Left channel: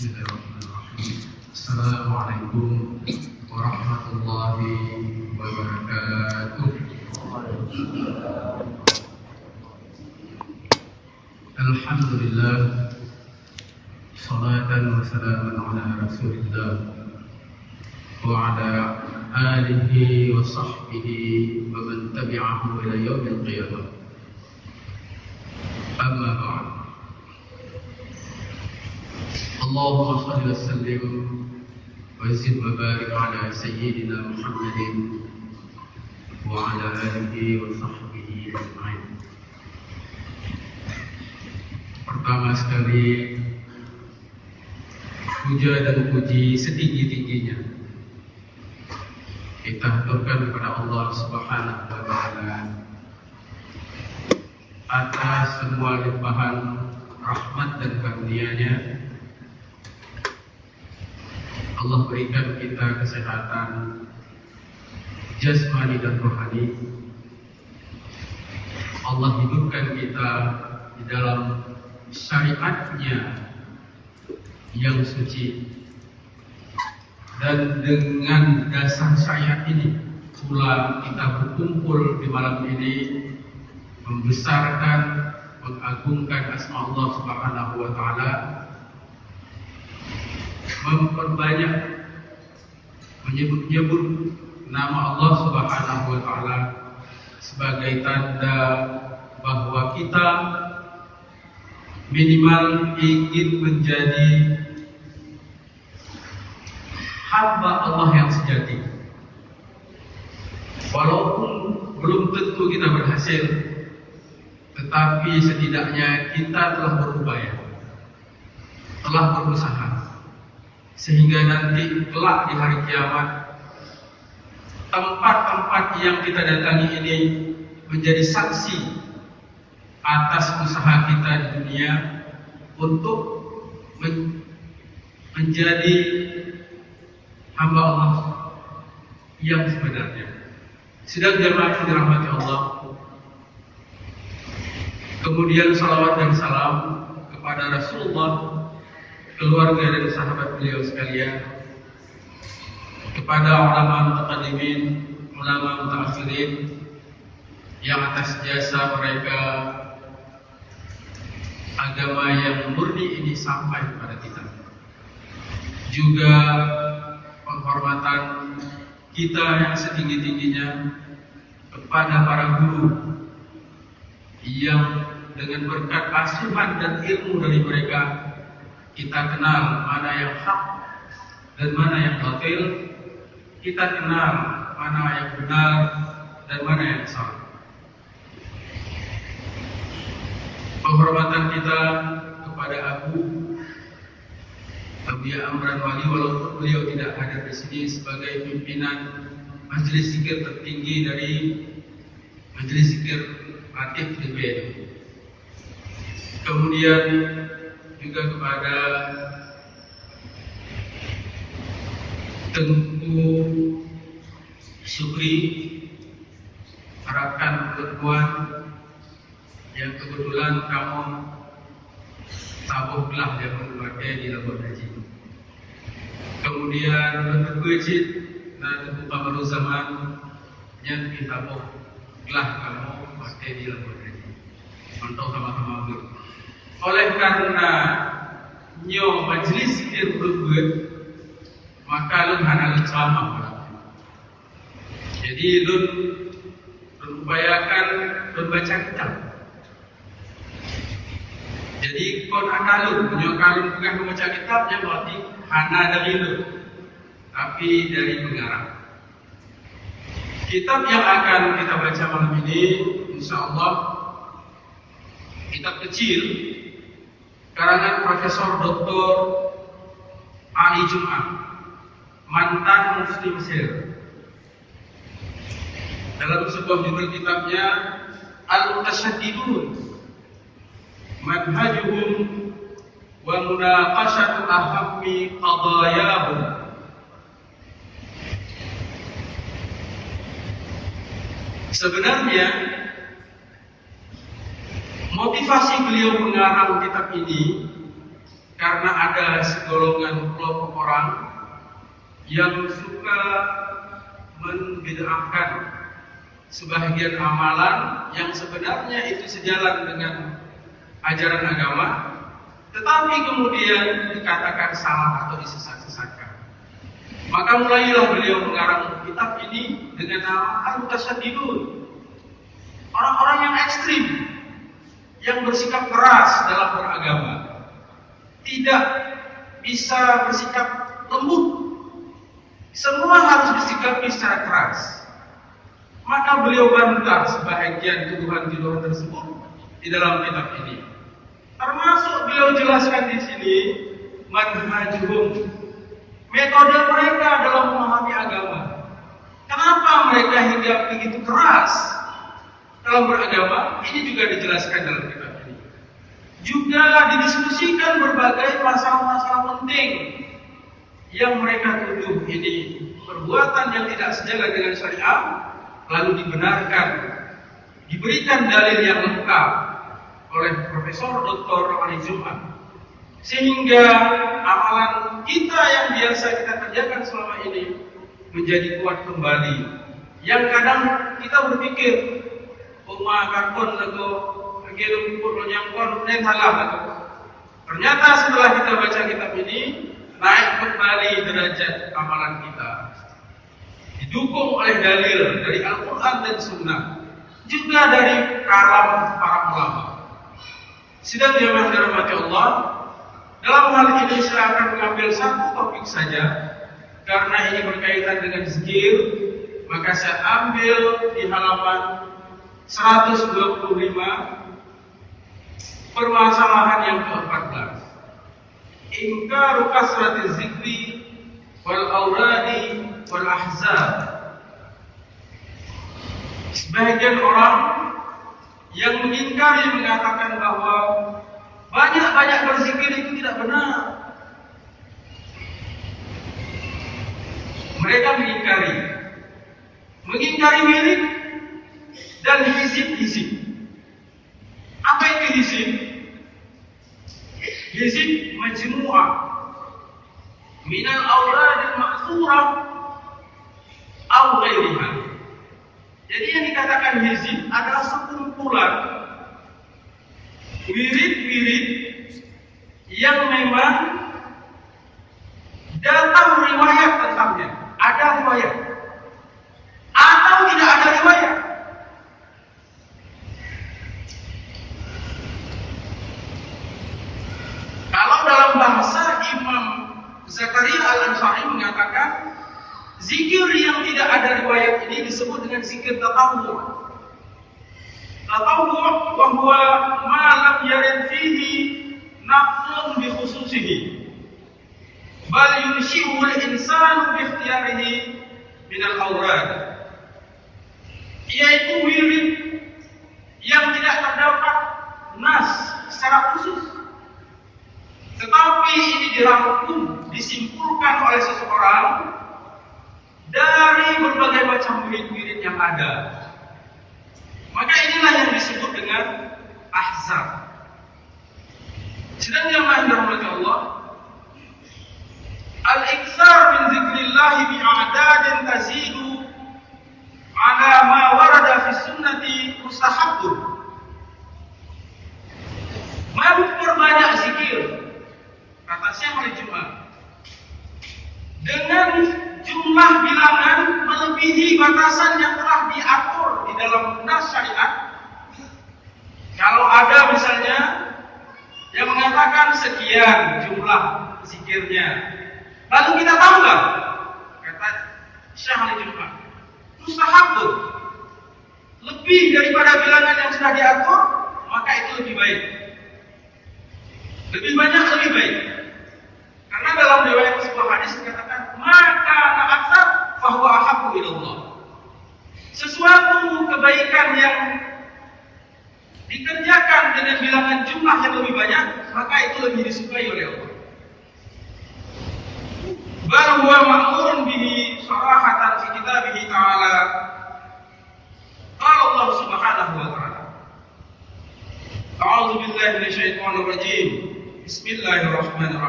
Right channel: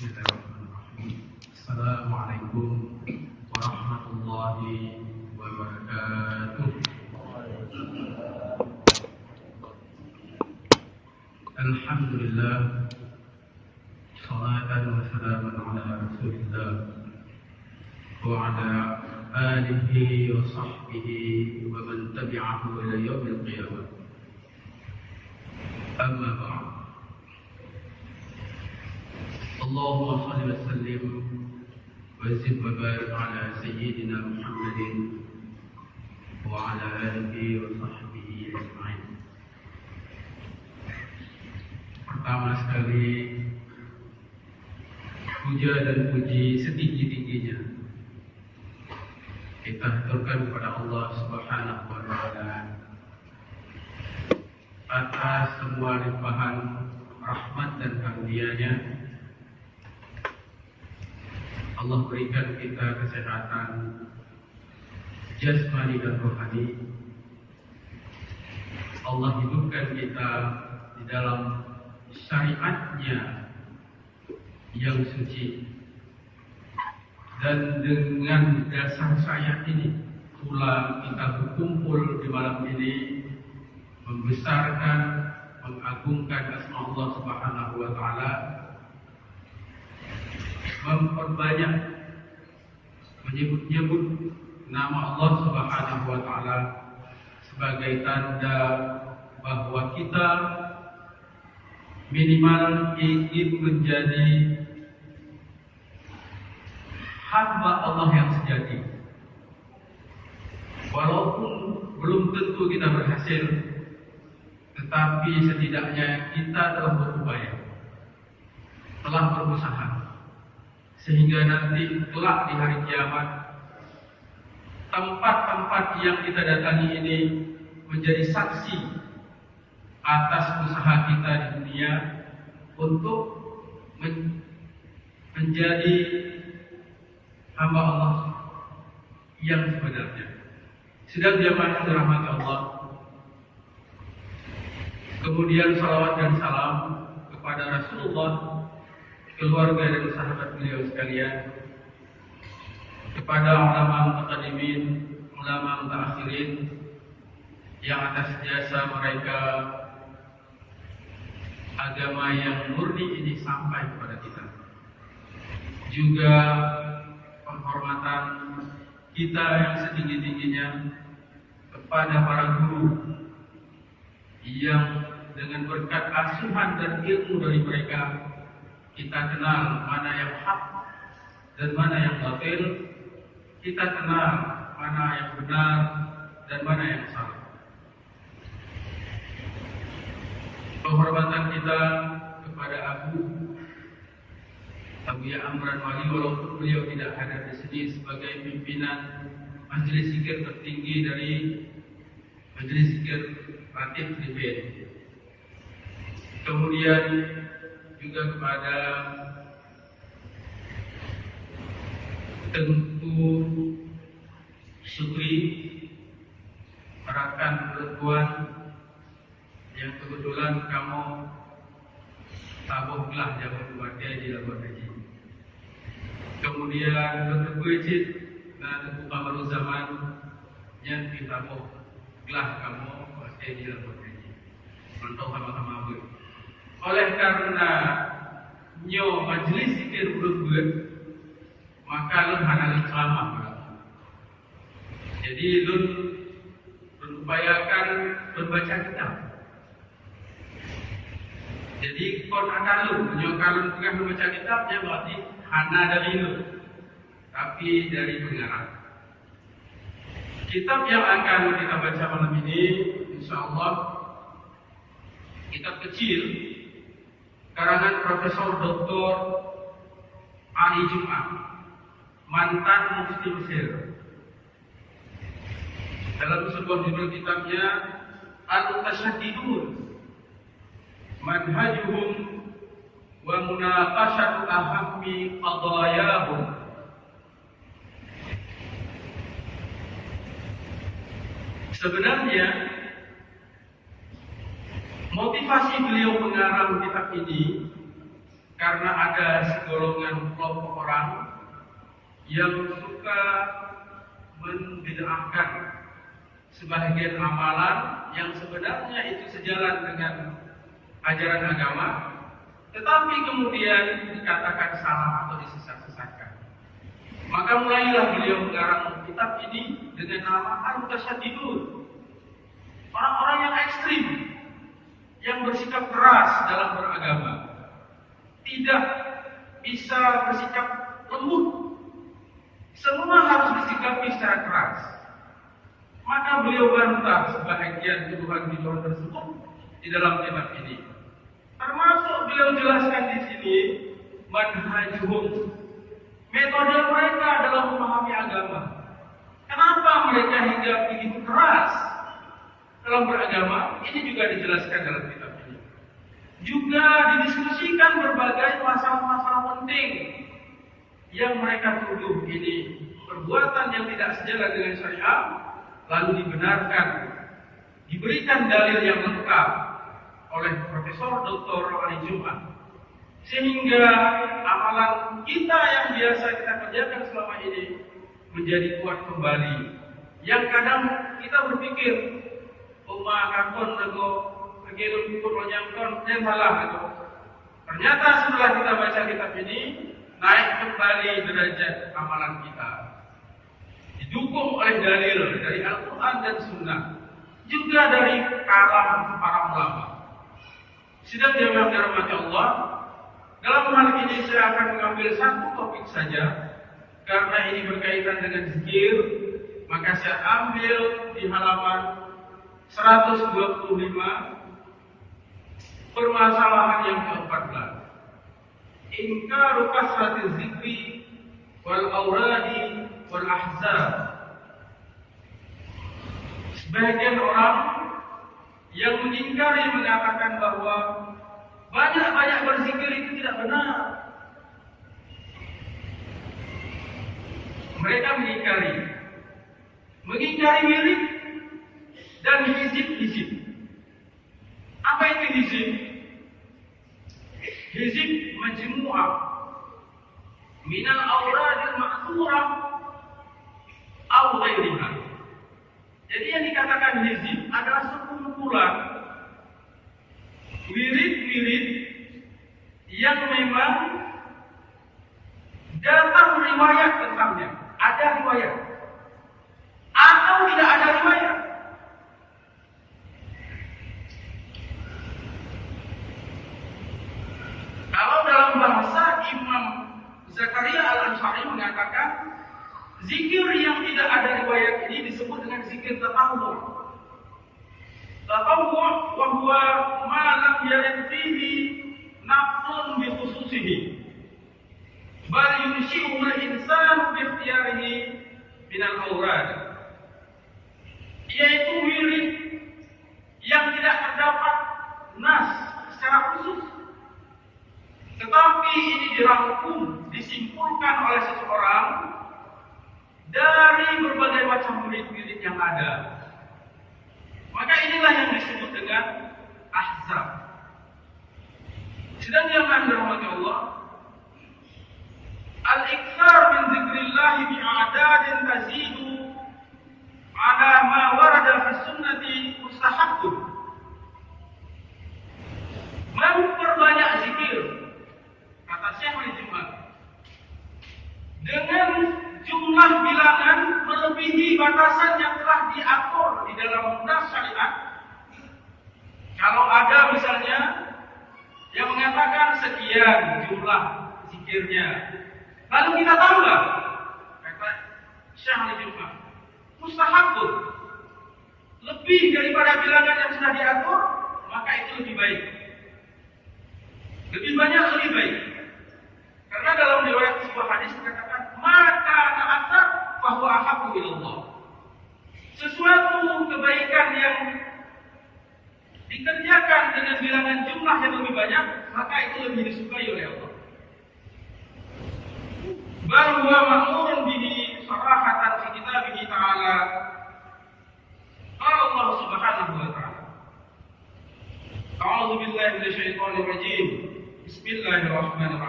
Bismillahirrahmanirrahim. Assalamualaikum warahmatullahi wabarakatuh. Alhamdulillah, salatan wa salaman ala Rasulillah wa ala alihi wa sahbihi wa man tabi'ahu ila yaumil qiyamah. Amma ba'd. Allahumma salli wa sallim wa zid wa barik ala sayyidina Muhammadin wa ala alihi wa sahbihi ajma'in. Pertama sekali, puja dan puji setinggi-tingginya kita haturkan kepada Allah Subhanahu wa Ta'ala atas semua limpahan rahmat dan karunia-Nya. Allah berikan kita kesehatan jasmani dan rohani. Allah hidupkan kita di dalam syariat-Nya yang suci, dan dengan dasar syariat ini pula kita berkumpul di malam ini membesarkan, mengagungkan asma Allah Subhanahu wa Ta'ala, memperbanyak menyebut-nyebut nama Allah Subhanahu wa Ta'ala sebagai tanda bahwa kita minimal ingin menjadi hamba Allah yang sejati. Walaupun belum tentu kita berhasil, tetapi setidaknya kita telah berupaya, telah berusaha, sehingga nanti kelak di hari kiamat tempat-tempat yang kita datangi ini menjadi saksi atas usaha kita di dunia untuk menjadi hamba Allah yang sebenarnya. Sedang dirahmati Allah. Kemudian salawat dan salam kepada Rasulullah, keluarga dan sahabat beliau sekalian, kepada ulama mutaqaddimin, ulama mutaakhirin yang atas jasa mereka agama yang murni ini sampai kepada kita. Juga penghormatan kita yang setinggi-tingginya kepada para guru yang dengan berkat asuhan dan ilmu dari mereka kita kenal mana yang hak dan mana yang batil, kita kenal mana yang benar dan mana yang salah. Penghormatan kita kepada Abu Ya Amran Wali, walaupun beliau tidak hadir di sini sebagai pimpinan majelis zikir tertinggi dari majelis zikir Latif Liben. Kemudian juga kepada Tengku Sukri, rekan perempuan yang kebetulan kamu tabuh belah dia keluarga di Labuan Haji. Kemudian bentuk wajib dan bentuk Kamarul Zaman yang ditabuh belah kamu pasti di Labuan Haji. Untuk sama-sama ber. Oleh karena nyo majlis zikir berbuat, maka lun hanal ceramah. Jadi lun upayakan lun baca kitab. Jadi kon akalun, punya kalun tengah membaca kitabnya berarti hana dari lu, tapi dari pengarang. Kitab yang akan kita baca malam ini, insyaallah kitab kecil karangan Profesor Dr. Ali Jum'ah, mantan Mufti Mesir. Dalam sebuah judul kitabnya Al-Mutasyaddidun, Manhajuhum wa munaqashatu ahammi qadayahum. Sebenarnya motivasi beliau mengarang kitab ini karena ada segolongan kelompok orang yang suka membid'ahkan sebagian amalan yang sebenarnya itu sejalan dengan ajaran agama, tetapi kemudian dikatakan salah atau disesat-sesatkan. Maka mulailah beliau mengarang kitab ini dengan nama Al-Mutasaddidun, orang-orang yang ekstrim, yang bersikap keras dalam beragama, tidak bisa bersikap lembut, semua harus disikapi secara keras. Maka beliau bantah sebahagian tuduhan-tuduhan tersebut di dalam kitab ini. Termasuk beliau jelaskan di sini manhajuhum, metode mereka dalam memahami agama. Kenapa mereka hingga begitu keras dalam beragama? Ini juga dijelaskan dalam kitab ini. Juga didiskusikan berbagai masalah-masalah penting yang mereka tuduh ini perbuatan yang tidak sejalan dengan syariat, lalu dibenarkan, diberikan dalil yang lengkap oleh Profesor Dr. Ali Jumat, sehingga amalan kita yang biasa kita kerjakan selama ini menjadi kuat kembali. Yang kadang kita berpikir, kakon lagu agilum pun nyangkon salah lagu. Ternyata setelah kita baca kitab ini, naik kembali derajat amalan kita, didukung oleh dalil dari Al-Quran dan Sunnah, juga dari kalam para ulama. Sidang yang dirahmati Allah, dalam hal ini saya akan mengambil satu topik saja, karena ini berkaitan dengan zikir, maka saya ambil di halaman 125, permasalahan yang ke-14. Ingkaru kasrati zikri wal auradi wal ahzab. Sebagian orang yang mengingkari, mengatakan bahwa banyak-banyak berzikir itu tidak benar. Mereka mengingkari wirid dan hizib-hizib. Apa itu hizib? Hizib majmu'ah minal awradil ma'thurah aw ghairiha. Jadi yang dikatakan hizib adalah sekumpulan wirid-wirid yang memang datang riwayat tentangnya. Ada riwayat atau tidak ada riwayat. Kalau dalam bahasa Imam Zakaria Al-Ansari mengatakan, zikir yang tidak ada riwayat ini disebut dengan zikir tatawwu'. Tatawwu' wa huwa ma lam yarid fihi naqlun bi khususihi, bal yunshi'u al-insanu bi ikhtiyarihi min al-awrad. Yaitu wirid yang tidak terdapat nas secara khusus, tetapi ini dirangkum, disimpulkan oleh seseorang dari berbagai macam wirid-wirid yang ada. Maka inilah yang disebut dengan ahzab. Sedang yang dirahmati Allah, al-iktsar min zikrillah bi a'dadin tazidu ala ma warada fi sunnati mustahabbun. Memperbanyak zikir, kata Syekh Ali Jumat, dengan jumlah bilangan melebihi batasan yang telah diatur di dalam nas syariat. Kalau ada misalnya yang mengatakan sekian jumlah zikirnya, lalu kita tambah, kata Syekh Ali Jumat, mustahabun, lebih daripada bilangan yang sudah diatur, maka itu lebih baik. Lebih banyak lebih baik. Karena dalam riwayat sebuah hadis dikatakan, maka na'atsar fahuwa ahabbu ilallah. Sesuatu kebaikan yang dikerjakan dengan bilangan jumlah yang lebih banyak, maka itu lebih disukai oleh Allah. Bal huwa ma'murun bihi sarahatan fi kitabihi ta'ala. Qala Allah Subhanahu wa ta'ala, A'udzu billahi minasyaitonir rajim. Bismillahirrahmanirrahim.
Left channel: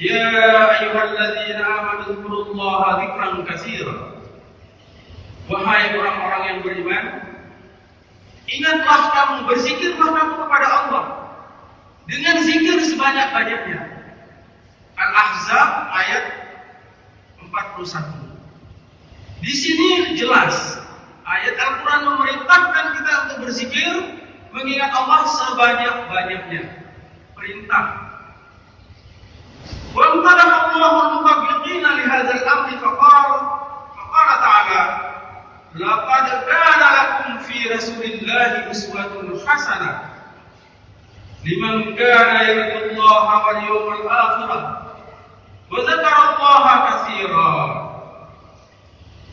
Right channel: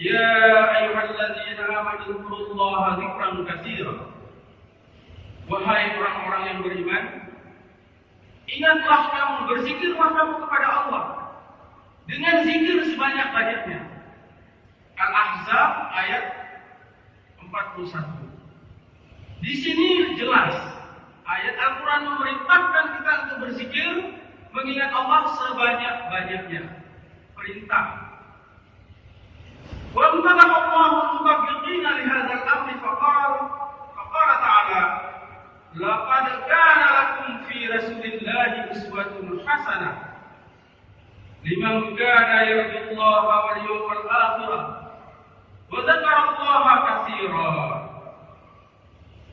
Ya ayyuhalladzina amanu dzkurullaha dzikran katsiran. Wahai orang-orang yang beriman, ingatlah kamu, berzikirlah kamu kepada Allah dengan zikir sebanyak-banyaknya. Al-Ahzab ayat 41. Di sini jelas ayat Al-Quran memerintahkan kita untuk berzikir, mengingat Allah sebanyak-banyaknya. Perintah. Wa amtadaha Allahu al-mutabiqina li hadzal amri faqala ta'ala laqad kana lakum fi rasulillahi uswatun hasanah liman kana yarjullaha wal yawmal akhir wa dzakarallaha katsiran.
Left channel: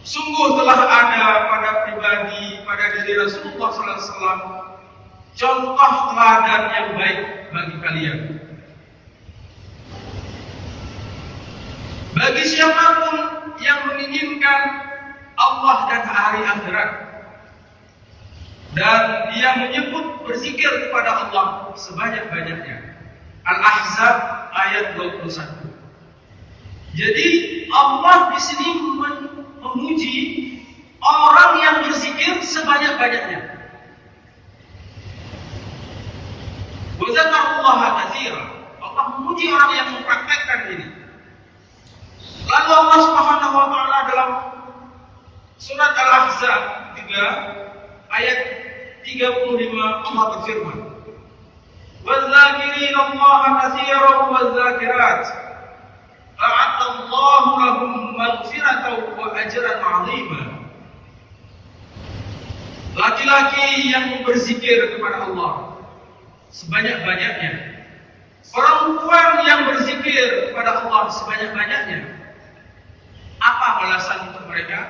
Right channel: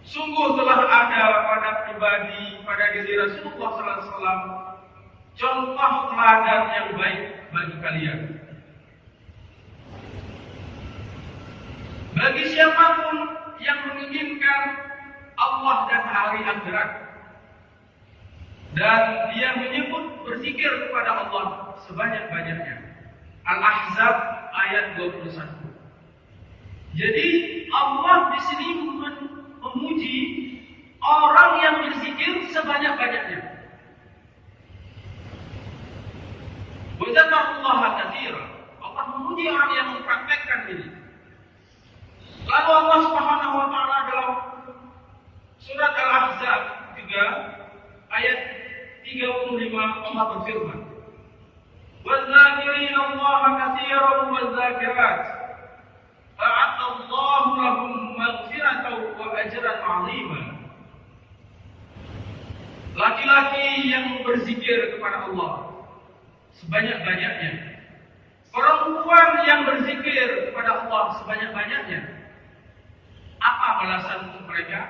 Sungguh telah ada pada diri Rasulullah SAW contoh teladan yang baik bagi kalian. Bagi siapapun yang menginginkan Allah dan hari akhirat, dan dia menyebut berzikir kepada Allah sebanyak-banyaknya. Al-Ahzab ayat 21. Jadi Allah di sini memuji orang yang berzikir sebanyak-banyaknya. Wa dzakarallaha katsiran. Allah memuji orang yang mempraktekkan ini. Lalu Allah Subhanahu wa taala dalam surat Al-Ahzab 3 ayat 35 Allah berfirman, "Waz-zakirina Allaha katsiran waz-zakirat a'adda Allahu lahum maghfiratan wa ajran 'azima." Laki-laki yang berzikir kepada Allah sebanyak-banyaknya, perempuan yang berzikir kepada Allah sebanyak-banyaknya, apa balasan untuk mereka?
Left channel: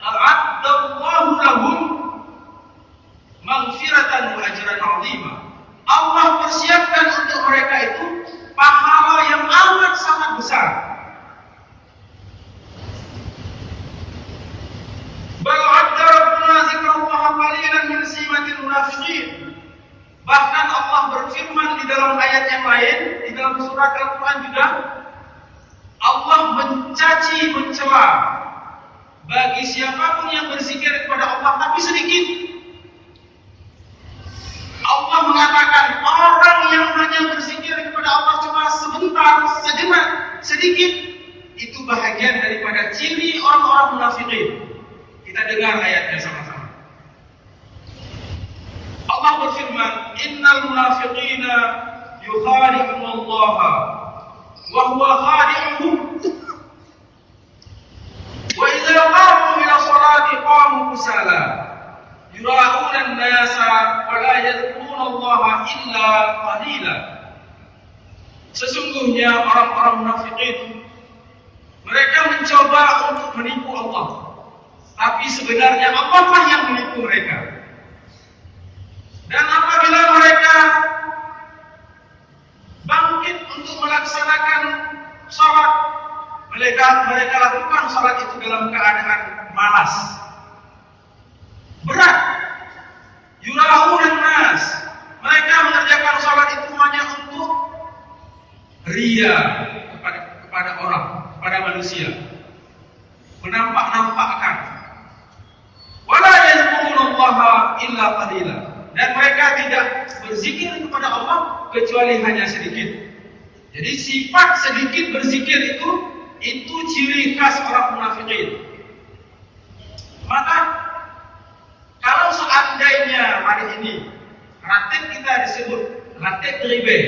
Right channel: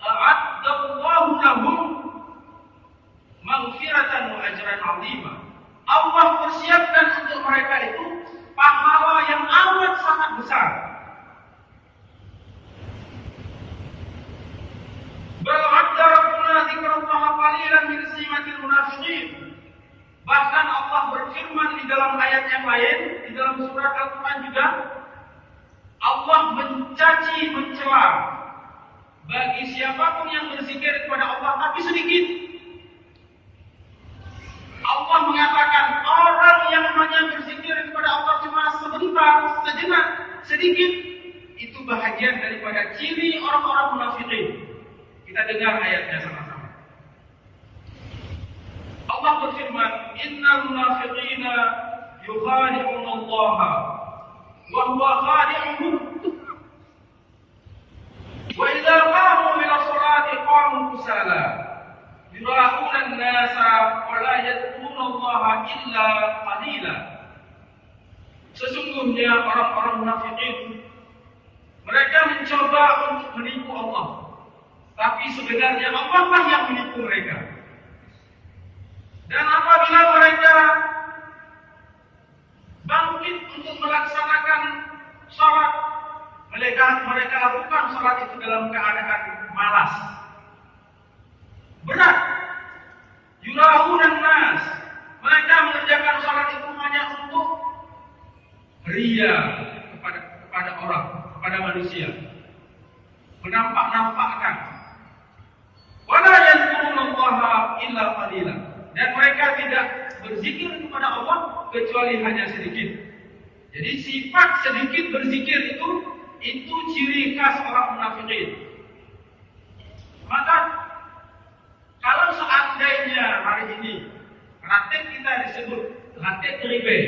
A'addallahu lahum maghfiratan wa ajran 'azima. Allah persiapkan untuk mereka itu pahala yang amat sangat besar. Bal 'adda rabbuna dzikrallaha qalilan min simatil munafiqin. Bahkan Allah berfirman di dalam ayat yang lain, di dalam surat Al-Quran juga, Allah mencaci, mencela bagi siapapun yang berzikir kepada Allah tapi sedikit. Allah mengatakan orang yang hanya berzikir kepada Allah cuma sebentar, sejenak, sedikit, itu bahagian daripada ciri orang-orang munafikin. Kita dengar ayatnya sama-sama. Allah berfirman, "Innal munafiqina yukhadi'una Allah wa huwa khadi'uhum wa idza qamu ila salati qamu kusala yura'una an-nasa wa la yadhkuruna Allah illa qalila." Sesungguhnya orang-orang munafikin mereka mencoba untuk menipu Allah, tapi sebenarnya Allah lah yang menipu mereka. Dan apabila mereka bangkit untuk melaksanakan salat, mereka lakukan salat itu dalam keadaan malas, berat. Yura'unan nas, mereka mengerjakan salat itu hanya untuk ria kepada orang, kepada manusia, menampak-nampakkan. Wala yadhkurunallaha illa qalila. Dan mereka tidak berzikir kepada Allah kecuali hanya sedikit. Jadi sifat sedikit berzikir itu ciri khas orang munafikin. Maka kalau seandainya hari ini ratib kita disebut ratib ribe,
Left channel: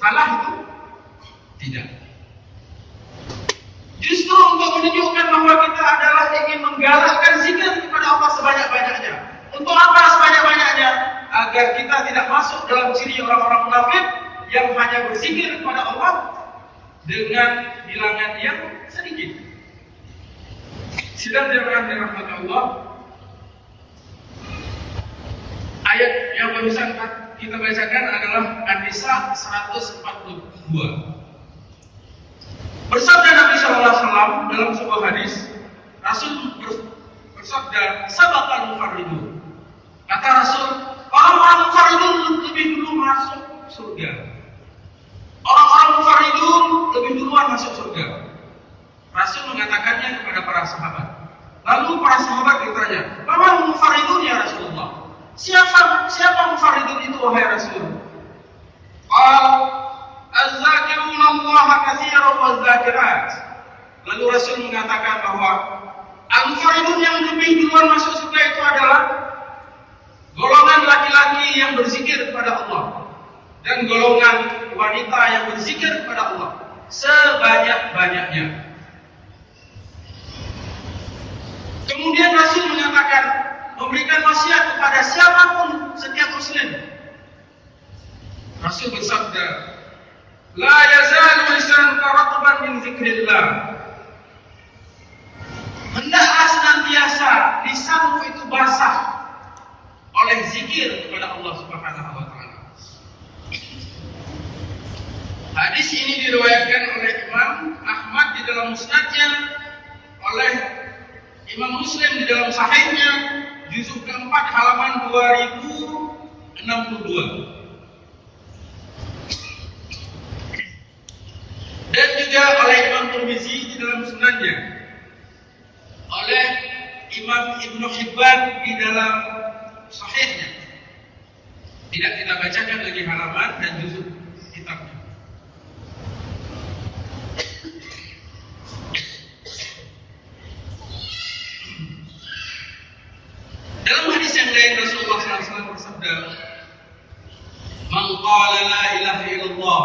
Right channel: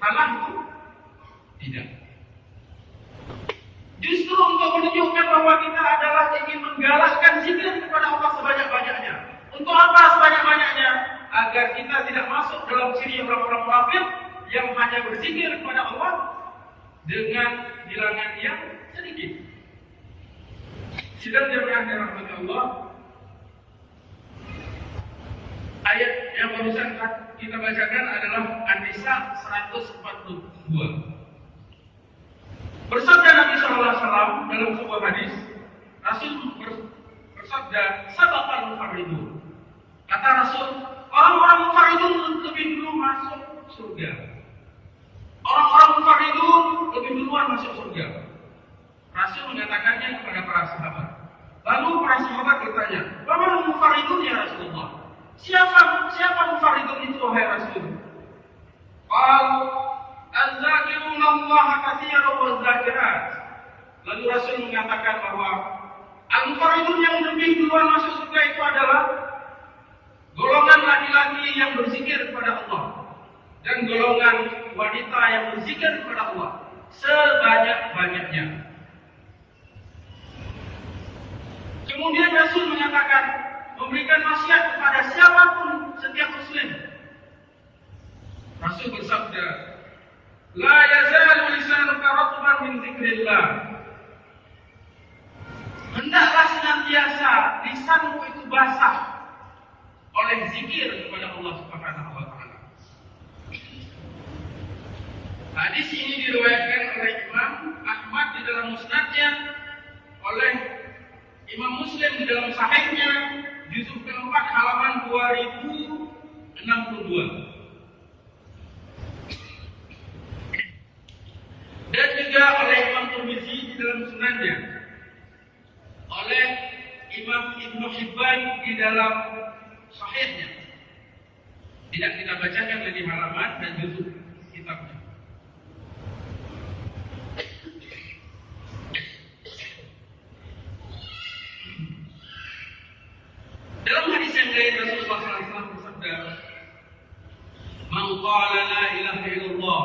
salah itu? Tidak. Justru untuk menunjukkan bahwa kita adalah ingin menggalakkan zikir kepada Allah sebanyak-banyaknya. Untuk apa sebanyak-banyaknya? Agar kita tidak masuk dalam ciri orang-orang munafik yang hanya berzikir kepada Allah dengan bilangan yang sedikit. Sidang jemaah dirahmati Allah, ayat yang barusan kita bacakan adalah An-Nisa 142. Bersabda Nabi SAW dalam sebuah hadis, Rasul bersabda, "Sabaqal mufarridun." Kata Rasul, orang-orang mufarridun lebih dulu masuk surga. Orang-orang mufarridun lebih dulu Allaha katsiran wadzakirat. Lalu Rasul mengatakan bahwa al-mufarridun yang lebih duluan masuk surga itu adalah golongan laki-laki yang berzikir kepada Allah dan golongan wanita yang berzikir kepada Allah sebanyak-banyaknya. Kemudian Rasul mengatakan, memberikan wasiat kepada siapapun, setiap muslim. Rasul bersabda, la yazalu lisanuka ratban min dzikrillah. Hendaklah senantiasa lisanmu itu basah oleh zikir kepada Allah Subhanahu wa taala. Hadis ini diriwayatkan oleh Imam Ahmad di dalam musnadnya, oleh Imam Muslim di dalam sahihnya, juzuk keempat halaman 2062. Dan juga oleh Imam Tirmizi di dalam sunannya, oleh Imam Ibnu Hibban di dalam sahihnya. Tidak kita bacakan lagi halaman dan juzuk kitabnya. Dalam hadis yang lain Rasulullah SAW bersabda, "Man qala la ilaha illallah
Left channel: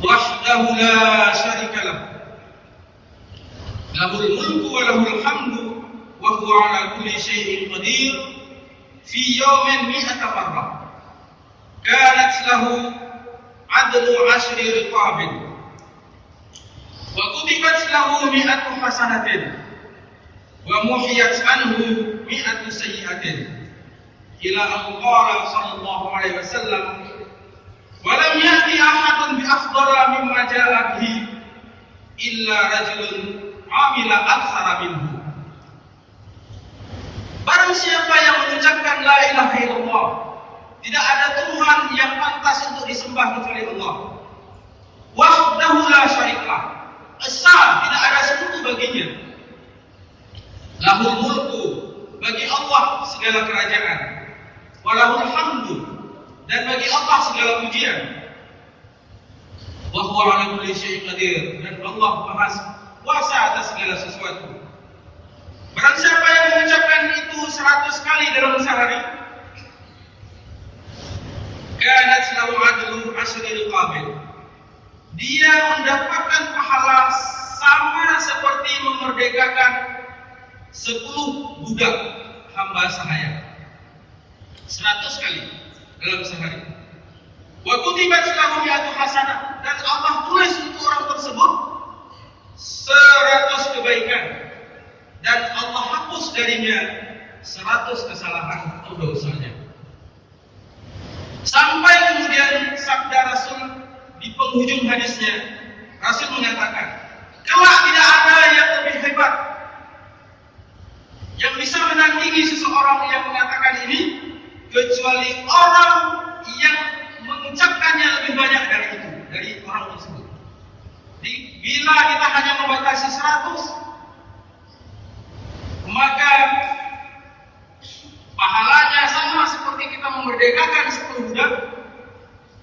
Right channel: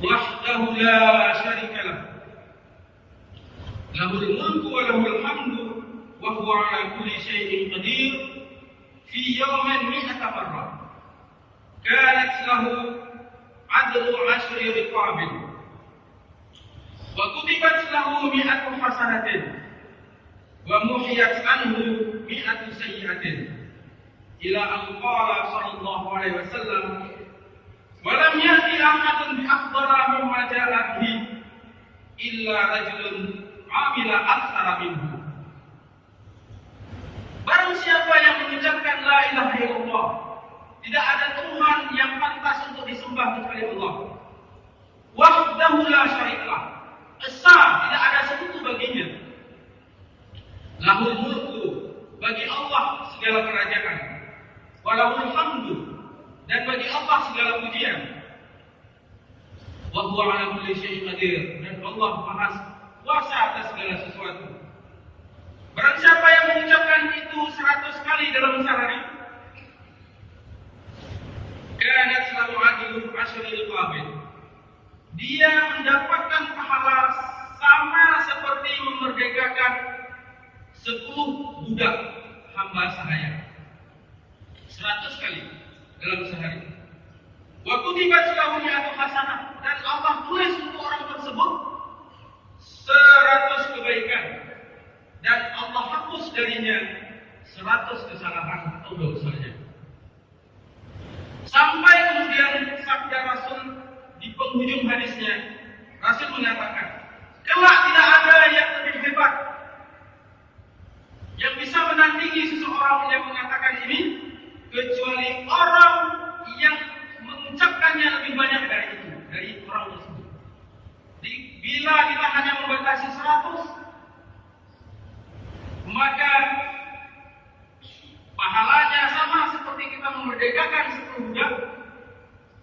wahdahu la syarika lahu, lahul mulku wa lahul hamdu wa huwa ala kulli syai'in qadir, fi yawmin mi'ata marrah, kanat lahu adlu 'ashri riqabin, wa kutibat lahu mi'atu hasanatin, wa muhiyat anhu mi'atu sayyi'atin, ila an qala sallallahu alaihi wasallam, wa lam ya'ti ahadun bi afdala mimma ja'a bihi illa rajulun 'amila aktsara minhu." Barang siapa yang mengucapkan la ilaha illallah, tidak ada Tuhan yang pantas untuk disembah kecuali Allah, wahdahu la syarikalah, esa tidak ada sekutu baginya, lahul mulku, bagi Allah segala kerajaan, walahul hamdu, dan bagi Allah segala pujian, wa huwa ala kulli syai'in qadir, dan Allah Maha kuasa atas segala sesuatu. Barang siapa yang mengucapkan itu 100 kali dalam sehari, kanat lahu adlu 'ashri riqabin, dia mendapatkan pahala sama seperti memerdekakan 10 budak hamba sahaya. 100 kali dalam sehari. Wa kutibat lahu mi'atu hasanah, dan Allah tulis untuk orang tersebut 100 kebaikan, dan Allah hapus darinya 100 kesalahan atau dosanya. Sampai kemudian sabda Rasul di penghujung hadisnya, Rasul mengatakan, kelak tidak ada yang lebih hebat yang bisa menandingi seseorang yang mengatakan ini, kecuali orang yang mengucapkannya lebih banyak dari itu, dari orang tersebut. Bila kita hanya membatasi 100, maka pahalanya sama seperti kita memerdekakan 10 budak,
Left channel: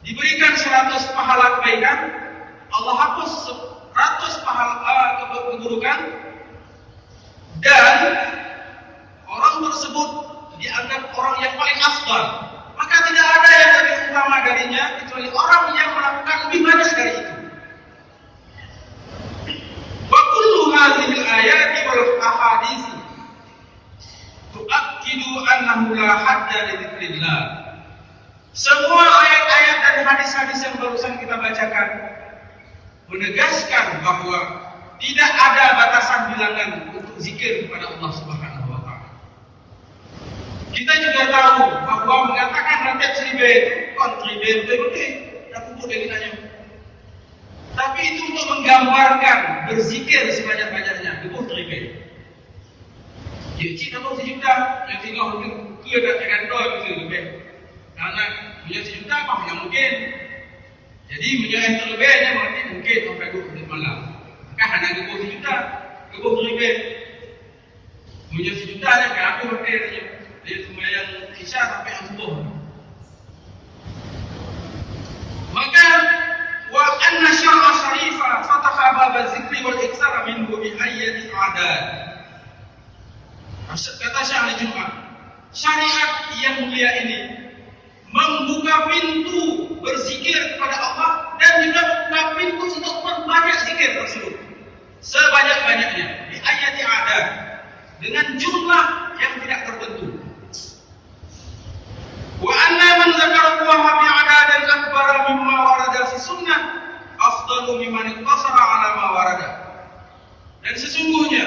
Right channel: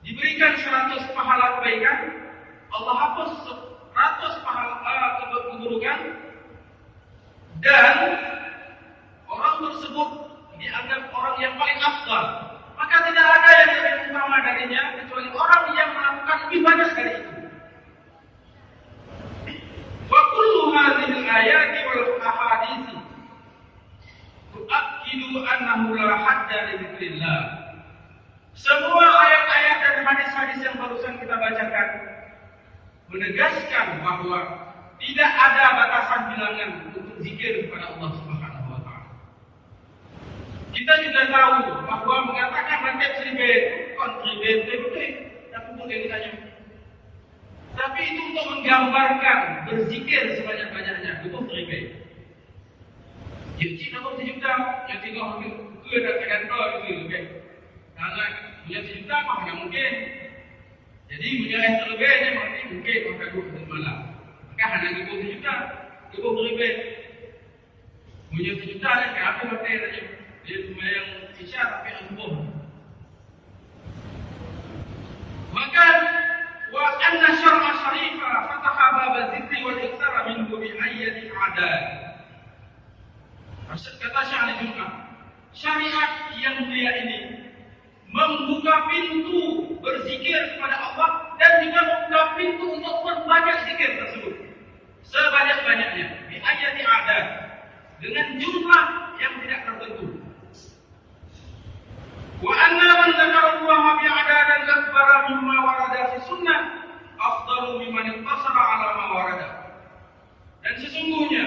diberikan 100 pahala kebaikan, Allah hapus 100 pahala keburukan, dan orang tersebut dianggap orang yang paling afdal, maka tidak ada yang lebih utama darinya kecuali orang yang melakukan lebih banyak dari itu. Wa kullu hadhil ayati wal ahadits tu'akkidu annahu la hadda li dzikrillah. Semua ayat-ayat dan hadis-hadis yang barusan kita bacakan menegaskan bahwa tidak ada batasan bilangan untuk zikir kepada Allah Subhanahu wa taala. Kita juga tahu bahwa mengatakan rantai seribe, kontribe, betul-betul, aku boleh ditanya. Tapi itu untuk menggambarkan berzikir sebanyak-banyaknya, itu seribe. Ya, cik dapat 1 juta, yang tinggal itu ya katakan doa itu lebih. Karena punya 1 juta mana mungkin. Jadi menyerah terlebihnya berarti mungkin sampai 20 malam. Maka hanya 20 juta, 20 ribu. Punya 1 juta ni kayak aku berarti dia sembahyang isya sampai subuh. Maka a'dad. Kata Syekh Ali Jumat, syariat yang mulia ini membuka pintu berzikir kepada Allah dan juga membuka pintu untuk memperbanyak zikir tersebut sebanyak-banyaknya di ayati adad dengan jumlah yang tidak tertentu. Wa anna man dzakarallaha bi adadan akbara mimma warada fi sunnah afdalu mimman iqtasara ala ma warada. Dan sesungguhnya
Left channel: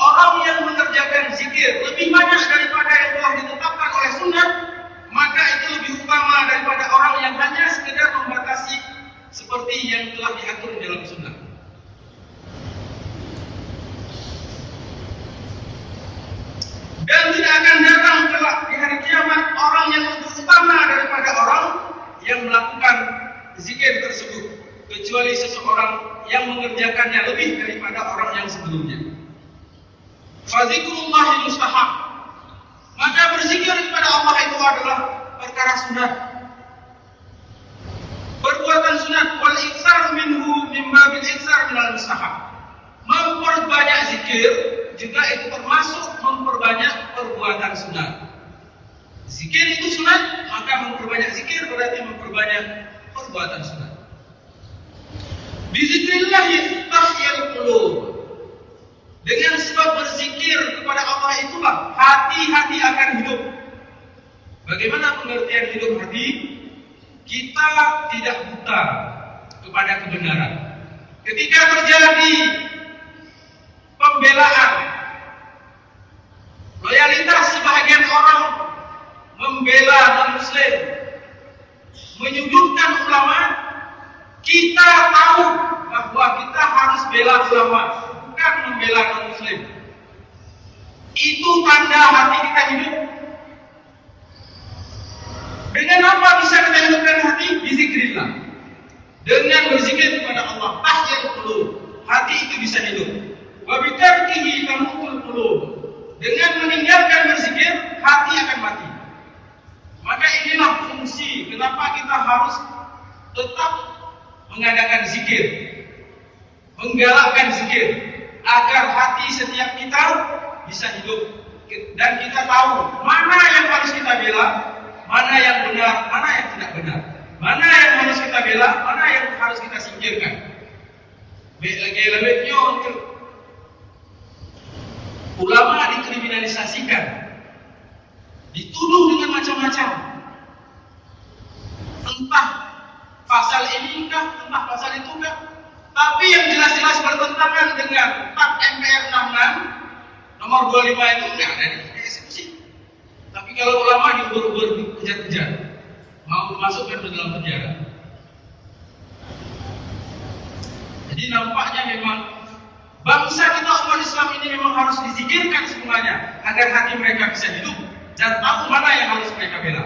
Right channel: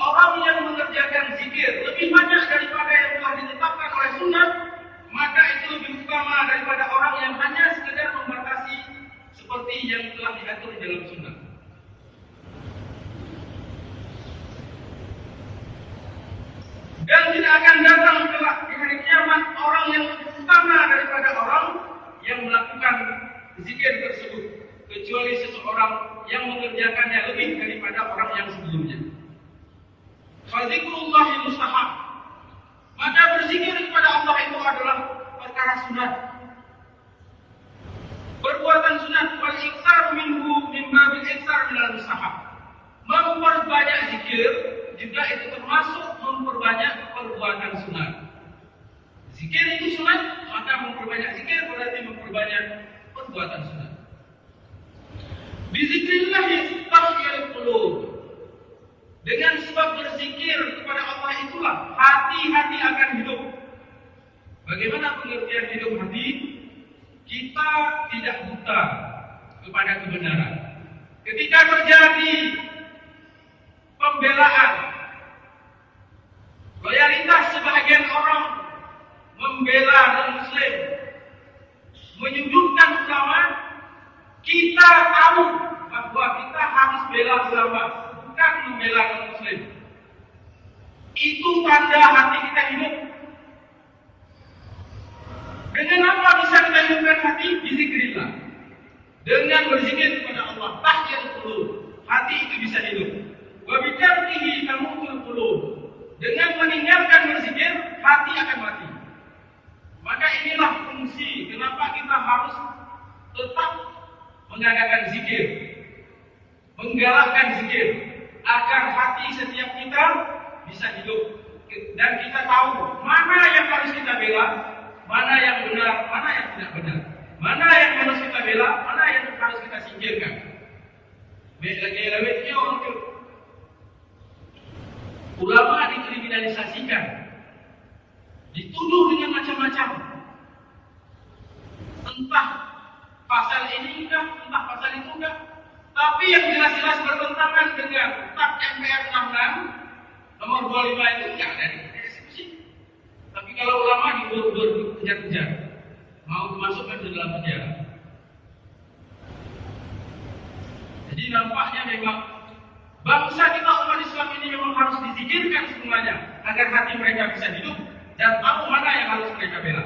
orang yang mengerjakan zikir lebih banyak daripada yang telah ditetapkan oleh sunnah, maka itu lebih utama daripada orang yang hanya sekedar membatasi seperti yang telah diatur dalam sunnah. Dan tidak akan datang kelak di hari kiamat orang yang lebih utama daripada orang yang melakukan zikir tersebut, kecuali seseorang yang mengerjakannya lebih daripada orang yang sebelumnya. Fadzikrullahi mustahab. Maka berzikir kepada Allah itu adalah perkara sunat. Perbuatan sunat wal iksar minhu mimma bil iksar minal mustahab. Memperbanyak zikir juga itu termasuk memperbanyak perbuatan sunat. Zikir itu sunat, maka memperbanyak zikir berarti memperbanyak perbuatan sunat. Bizikrillahi tahyal qulub. Dengan sebab berzikir kepada Allah itulah hati-hati akan hidup. Bagaimana pengertian hidup hati? Kita tidak buta kepada kebenaran. Ketika terjadi pembelaan, loyalitas sebahagian orang membela non-Muslim, menyudutkan ulama, kita tahu bahwa kita harus bela ulama, bukan membela non-Muslim. Itu tanda hati kita hidup. Dengan apa bisa kita hidupkan hati? Bizikrillah. Dengan berzikir kepada Allah, tahyal qulub, hati itu bisa hidup. Wa bitarkihi tamutul qulub. Dengan meninggalkan berzikir, hati akan mati. Maka inilah fungsi kenapa kita harus tetap mengadakan zikir, menggalakkan zikir, agar hati setiap kita bisa hidup dan kita tahu mana yang harus kita bela, mana yang benar, mana yang tidak benar, mana yang harus kita bela, mana yang harus kita singkirkan. Lagi-lagi untuk ulama dikriminalisasikan, dituduh dengan macam-macam, entah pasal ini kah, entah pasal itu kah. Tapi yang jelas-jelas bertentangan dengan TAP MPR 66 nomor 25 itu tidak ada dieksekusi. Tapi kalau ulama diubur-ubur, kejar-kejar, mau dimasukkan ke dalam penjara. Jadi nampaknya memang bangsa kita umat Islam ini memang harus dizikirkan semuanya agar hati mereka bisa hidup dan tahu mana yang harus mereka bela.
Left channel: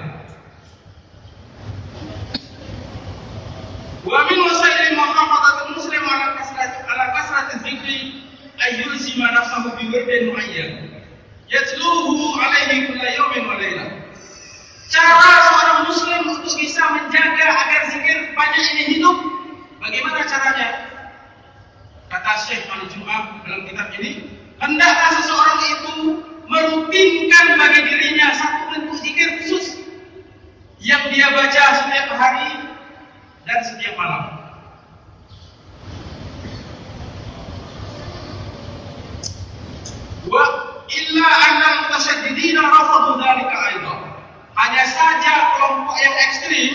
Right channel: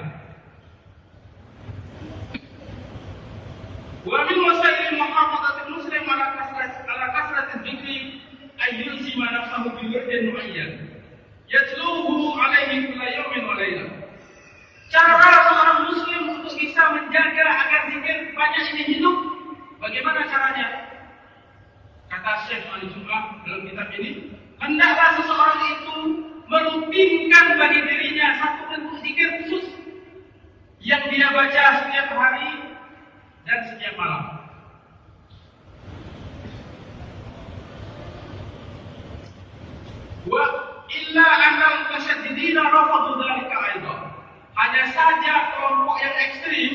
Wa min wasaili muhafadhatil muslim ala kasrati dzikri ayyulzima nafsahu bi wirdin muayyan yatluhu alaihi kulla yawmin wa lailah. Cara seorang muslim untuk bisa menjaga agar zikir banyak ini hidup, bagaimana caranya? Kata Syekh Ali Jumat dalam kitab ini, hendaklah seseorang itu merutinkan bagi dirinya satu bentuk zikir khusus yang dia baca setiap hari dan setiap malam. Wa illa annal mutasyaddidina rafadu dzalika aidan. Hanya saja kelompok yang ekstrim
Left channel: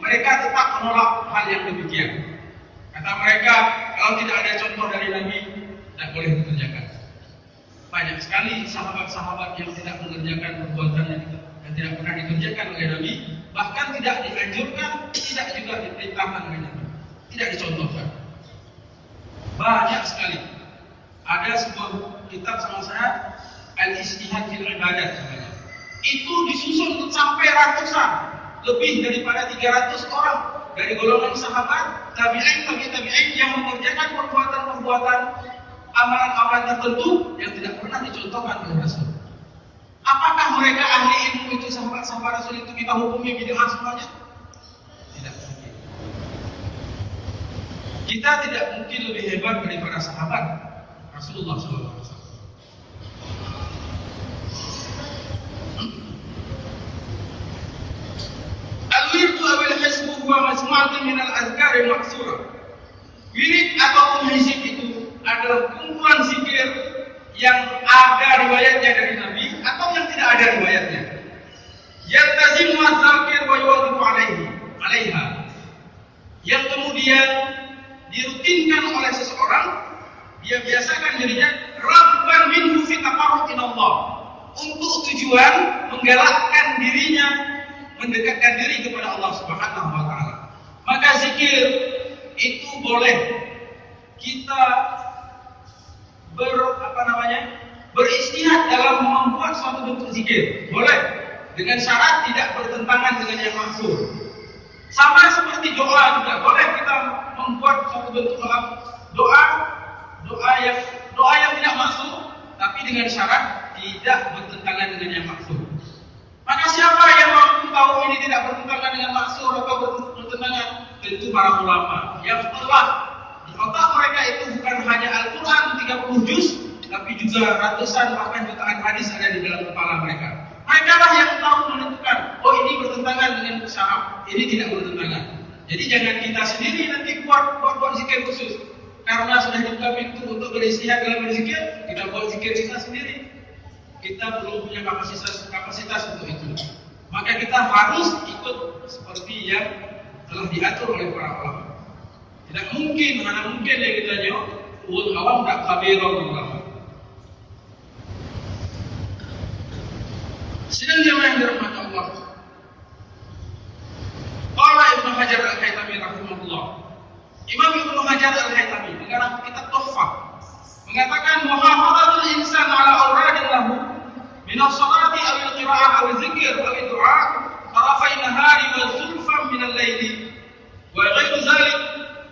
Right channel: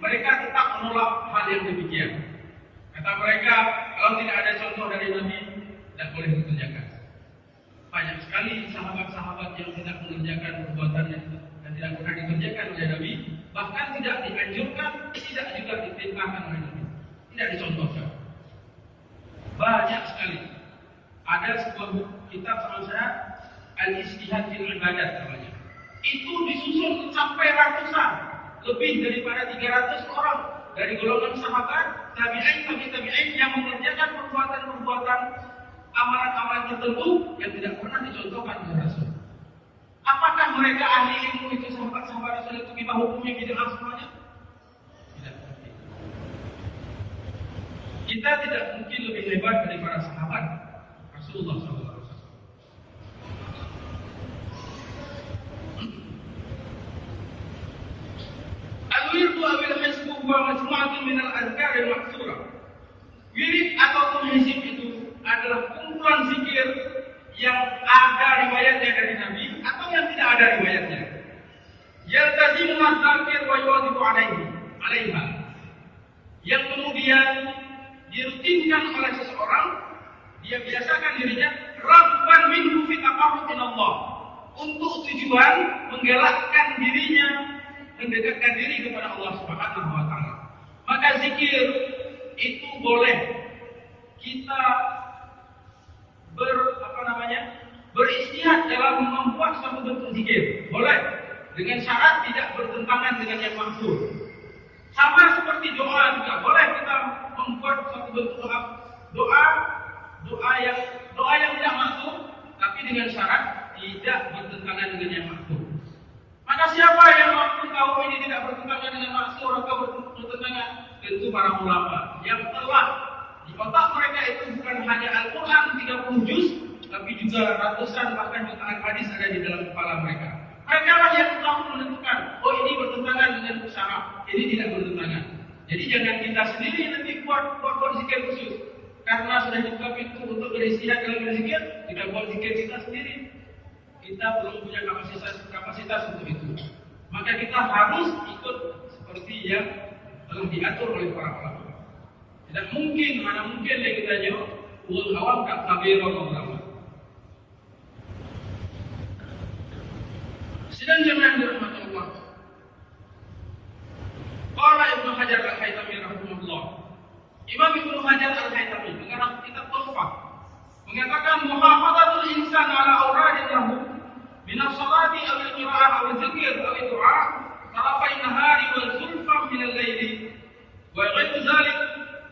mereka tetap menolak hal yang demikian. Kata mereka, kalau tidak ada contoh dari Nabi, tidak boleh dikerjakan. Banyak sekali sahabat-sahabat yang tidak mengerjakan perbuatan yang tidak pernah dikerjakan oleh Nabi, bahkan tidak dianjurkan, tidak juga diperintahkan oleh Nabi, tidak dicontohkan. Banyak sekali. Ada sebuah kitab sama saya, Al-Ijtihad fil Ibadat namanya. Itu disusun sampai ratusan, lebih daripada 300 orang dari golongan sahabat, tabi'in yang mengerjakan perbuatan-perbuatan amalan-amalan tertentu yang tidak pernah dicontohkan oleh Rasul. Apakah mereka ahli ilmu itu, sahabat-sahabat Rasul itu kita hukumi bid'ah semuanya? Tidak mungkin. Kita tidak mungkin lebih hebat daripada sahabat Rasulullah SAW. awil hizbu huwa majmu'atun min al-azkar al-maksura. Wirid ataupun hizib itu adalah kumpulan zikir yang ada riwayatnya dari Nabi atau yang tidak ada riwayatnya. Yaltazimu az-zakir wa yuwadhibu alaiha. Yang kemudian dirutinkan oleh seseorang, dia biasakan dirinya rabban minhu fi taqarrubin Allah, untuk tujuan menggalakkan dirinya mendekatkan diri kepada Allah Subhanahu wa taala. Maka zikir itu boleh kita beristihad dalam membuat suatu bentuk zikir. Boleh dengan syarat tidak bertentangan dengan yang maksud. Sama seperti doa juga boleh kita membuat suatu bentuk doa yang tidak maksud, tapi dengan syarat tidak bertentangan dengan yang maksud. Maka siapa yang mampu tahu ini tidak bertentangan dengan maksud atau bertentangan? Tentu para ulama yang telah di otak mereka itu bukan hanya Al-Quran 30 juz, tapi juga ratusan bahkan jutaan hadis ada di dalam kepala mereka. Mereka lah yang tahu menentukan, oh ini bertentangan dengan syaraf, ini tidak bertentangan. Jadi jangan kita sendiri nanti buat zikir khusus. Karena sudah dibuka pintu untuk beristihad dalam berzikir, kita buat zikir kita sendiri. Kita belum punya kapasitas untuk itu. Maka kita harus ikut seperti yang telah diatur oleh para ulama. Tidak mungkin, mana mungkin yang ditanya, ulul awam tak kabirah ulama. Sidang jamaah yang dirahmati Allah. Qala Ibnu Hajar Al-Haytami rahimahullah. Imam Ibnu Hajar Al-Haytami mengarang kitab Tuhfah mengatakan muhafadhatul insan ala awradin lahu min as-salati aw al-qira'ah aw al-dzikr aw ad-du'a tarafai nahari wa zulfan min al-laili wa ghairu dzalik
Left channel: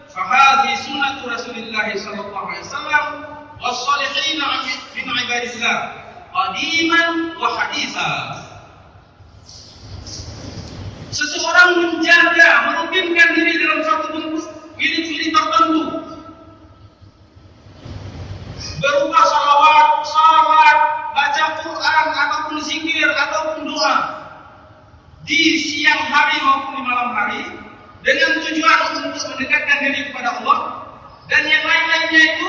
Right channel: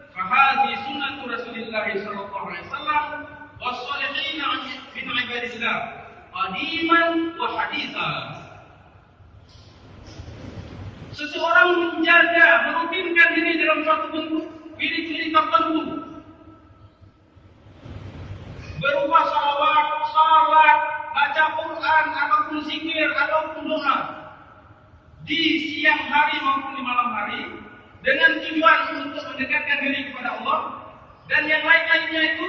fa hadhihi sunnatu Rasulillah sallallahu alaihi wasallam was-salihin min ibadillah qadiman wa haditha. Seseorang menjaga, merutinkan diri dalam satu bentuk wirid-wirid tertentu berupa salawat, salat, baca Quran ataupun zikir ataupun doa di siang hari maupun di malam hari dengan tujuan untuk mendekatkan diri kepada Allah dan yang lain-lainnya itu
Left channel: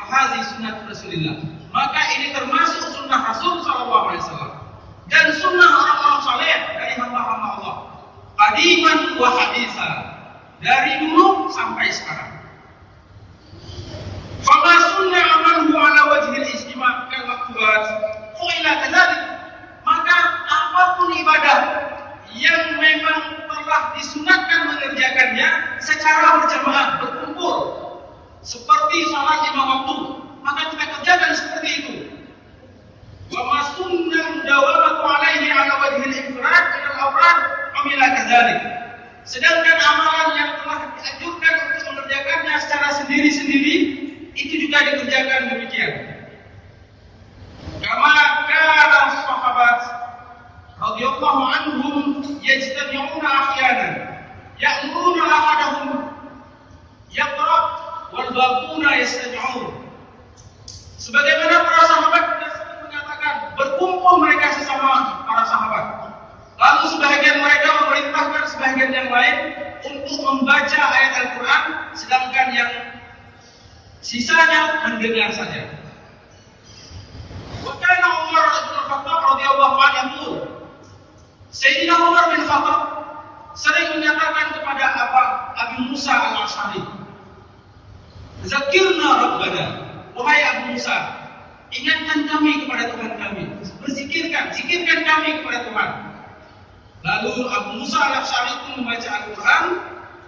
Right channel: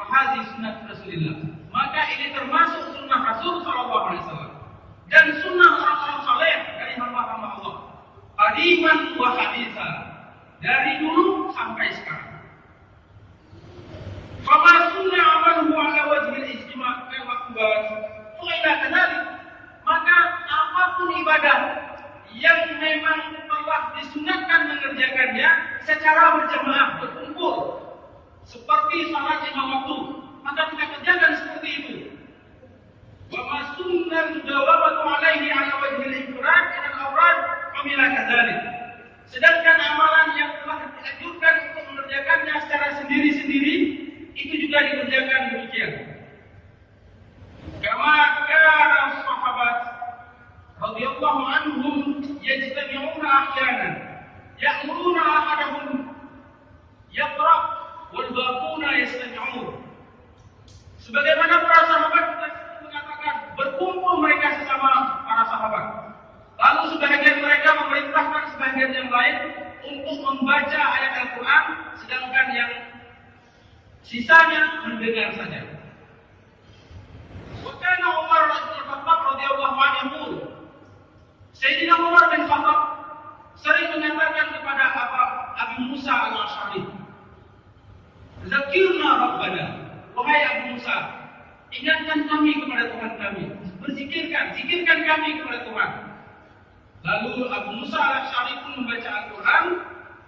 fahazi sunnah Rasulullah. Maka ini termasuk sunnah Rasul sallallahu alaihi wasallam dan sunnah orang-orang saleh dari hamba-hamba Allah. Qadiman wa haditha, dari dulu sampai sekarang. Fama sunna amaluhu ala wajhil ijtima' kal maktubat fa ila kadzalik. Maka apapun ibadah yang memang telah disunatkan mengerjakannya secara berjamaah, berkumpul, seperti salat 5 waktu, maka kita kerjakan seperti itu. Wa ma sunna mudawamatu alaihi ala wajhil infirad ila al-awrad amila kadzalik. Sedangkan amalan yang telah dianjurkan untuk mengerjakannya secara sendiri-sendiri itu juga dikerjakan demikian. Kama kana sahabat radhiyallahu anhum yajtami'una ahyanan ya'muruna ahadahum yaqra wal baquna yastami'un. Sebagaimana para sahabat mengatakan, berkumpul mereka sesama para sahabat. Lalu sebahagian mereka memerintahkan sebahagian yang lain untuk membaca ayat Al-Quran, sedangkan yang sisanya mendengar saja. Wa kana Umar bin Khattab radhiyallahu anhu, Sayyidina Umar bin Khattab sering menyatakan kepada Abu Musa Al-Asy'ari, "Zakirna Rabbana." Wahai Abu Musa, ingatkan kami kepada Tuhan kami. Zikirkan kami kepada Tuhan. Lalu Abu Musa Al-Asy'ari pun membaca Al-Quran,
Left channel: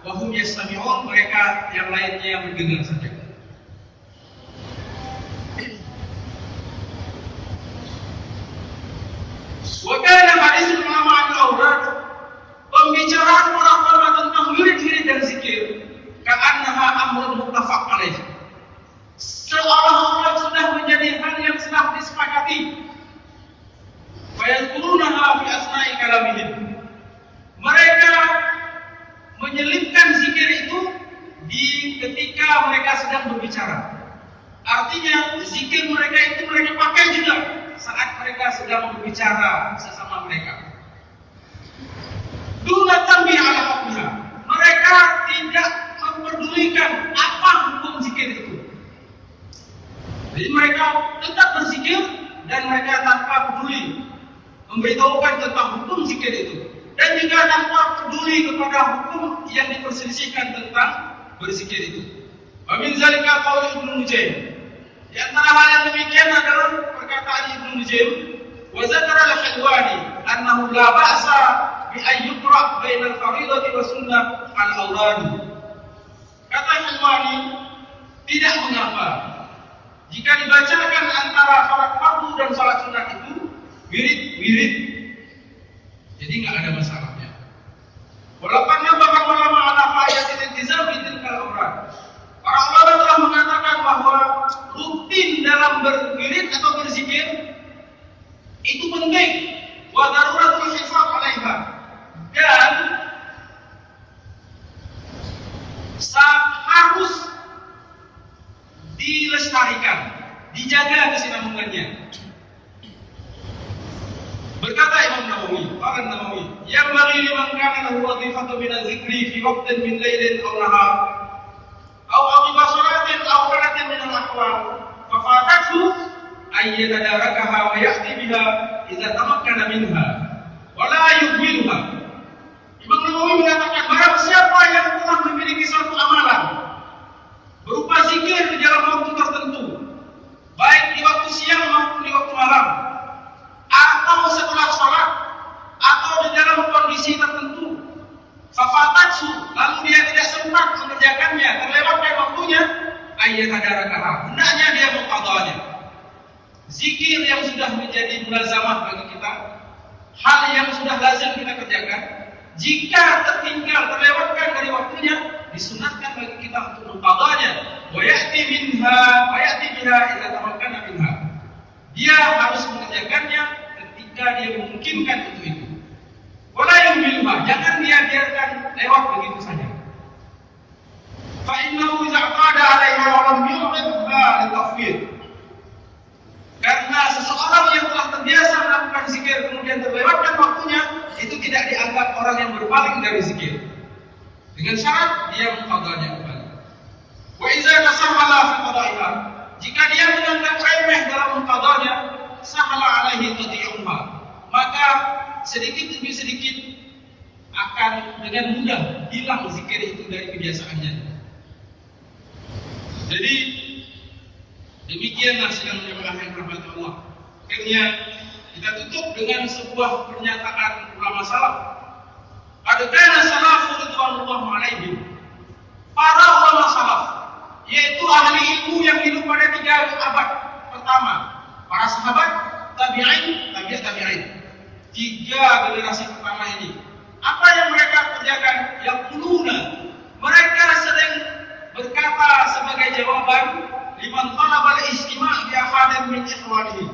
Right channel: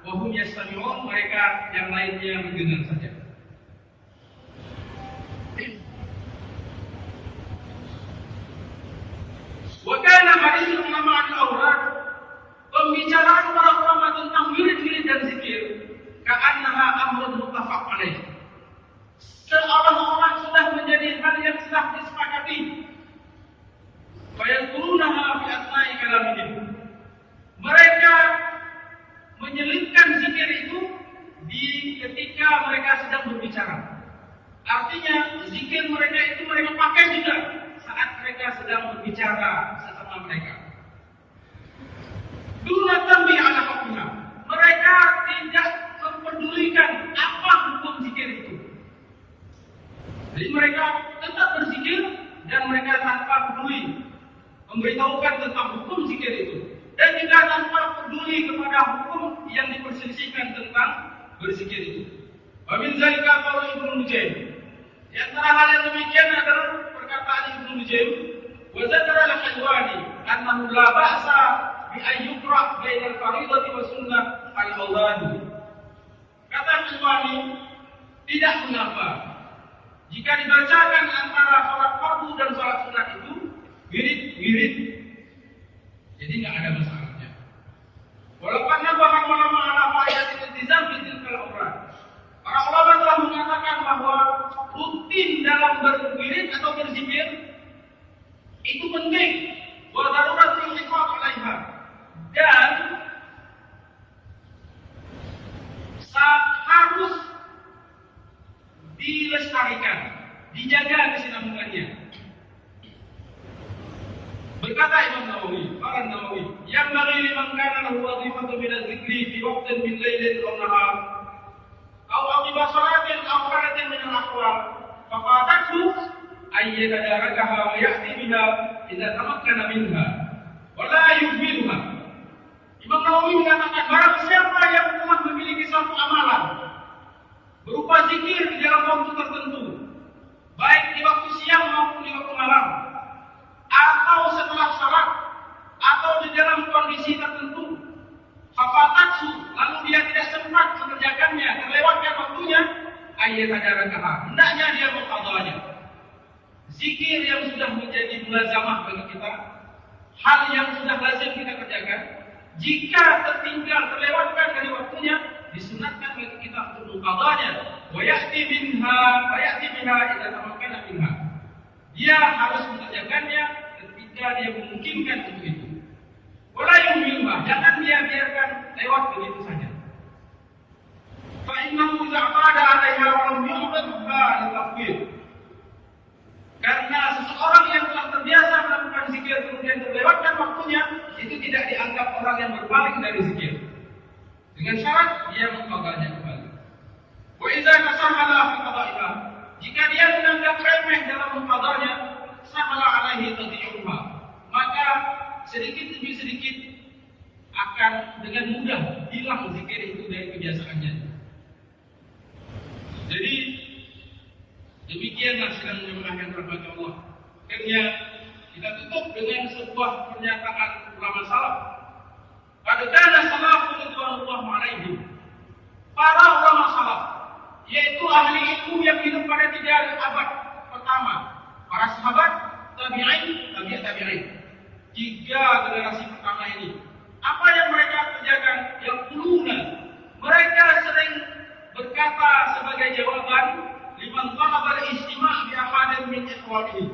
wahum yastami'un, mereka yang lainnya mendengar saja. Wa kana hadis ulama al-awrad, pembicaraan para ulama tentang wirid-wirid dan zikir, ka'annaha amrun muttafaq alaih, seolah-olah sudah menjadi hal yang sudah disepakati. Fayadkurunaha fi asna'i kalamihim, mereka menyelipkan zikir itu di ketika mereka sedang berbicara. Artinya zikir mereka itu mereka pakai juga saat mereka sedang berbicara sesama mereka. Duna tanbih ala mereka tidak memperdulikan apa hukum zikir itu. Jadi mereka tetap berzikir dan mereka tanpa peduli memberitahukan tentang hukum zikir itu, dan juga tanpa peduli kepada hukum yang diperselisihkan tentang berzikir itu. Wa min zalika qaul Ibnu Nujaim. Di antara hal yang demikian adalah perkataan Ibnu Nujaim, wa zakara al-Hilwani annahu la ba'sa bi an yuqra' bainal fardhati wa sunnah al-awradi. Kata Hilwani, tidak mengapa jika dibacakan antara salat fardu dan salat sunat itu wirid-wirid, jadi nggak ada masalahnya. Walaupun bahkan ulama ala fa'idatil iltizam bi tilkal awrad. Para ulama telah mengatakan bahwa rutin dalam berwirid atau berzikir itu penting, wa daruratul hifaz 'alaiha, dan harus dilestarikan, dijaga kesinambungannya. Berkata Imam Nawawi, qala Nawawi, yang bagi liman kana lahu wadhifatu min al-dzikri fi waqtin min lailin aw nahar aw aqiba salatin aw qalatin min al-aqwal fa fatathu ay yatadarakaha wa ya'ti biha idza tamakkana minha wa la yuhmiluha. Imam Nawawi mengatakan, barang siapa yang telah memiliki satu amalan berupa zikir di dalam waktu tertentu, baik di waktu siang maupun di waktu malam, atau setelah sholat, atau di dalam kondisi tertentu, fafatatsu, lalu dia tidak sempat mengerjakannya, terlewatkan waktunya, ayyatadarakaha, hendaknya dia mengqadhanya. Zikir yang sudah menjadi mulazamah bagi kita, hal yang sudah lazim kita kerjakan, jika tertinggal, terlewatkan dari waktunya, disunatkan bagi kita untuk mengqadhanya. Wa ya'ti biha idza tamakkana minha. Dia harus mengerjakannya ketika dia memungkinkan untuk itu. Wala yuhmiluha, jangan dia biarkan lewat begitu saja. Fa innahu idza qada 'alaiha wa lam yu'ridha litafwid. Karena seseorang yang telah terbiasa melakukan zikir kemudian terlewatkan waktunya, itu tidak dianggap orang yang berpaling dari zikir. Dengan syarat dia mengqadhanya kembali. Wa idza tasamhala fi qada'iha, jika dia menganggap remeh dalam mengqadhanya, sahala alaihi qati'uha, maka sedikit demi sedikit akan dengan mudah hilang zikir itu dari kebiasaannya. Jadi demikianlah sidang jamaah yang dirahmati Allah. Akhirnya kita tutup dengan sebuah pernyataan ulama salaf. Qad kana salafu ridwanullah alaihim. Para ulama salaf, yaitu ahli ilmu yang hidup pada 3 abad pertama, para sahabat, tabi'in, tabi'in. 3 generasi pertama ini, apa yang mereka kerjakan? Yang kuluna, mereka sering berkata sebagai jawaban liman talabal istima' bi ahadin min ikhwanihi.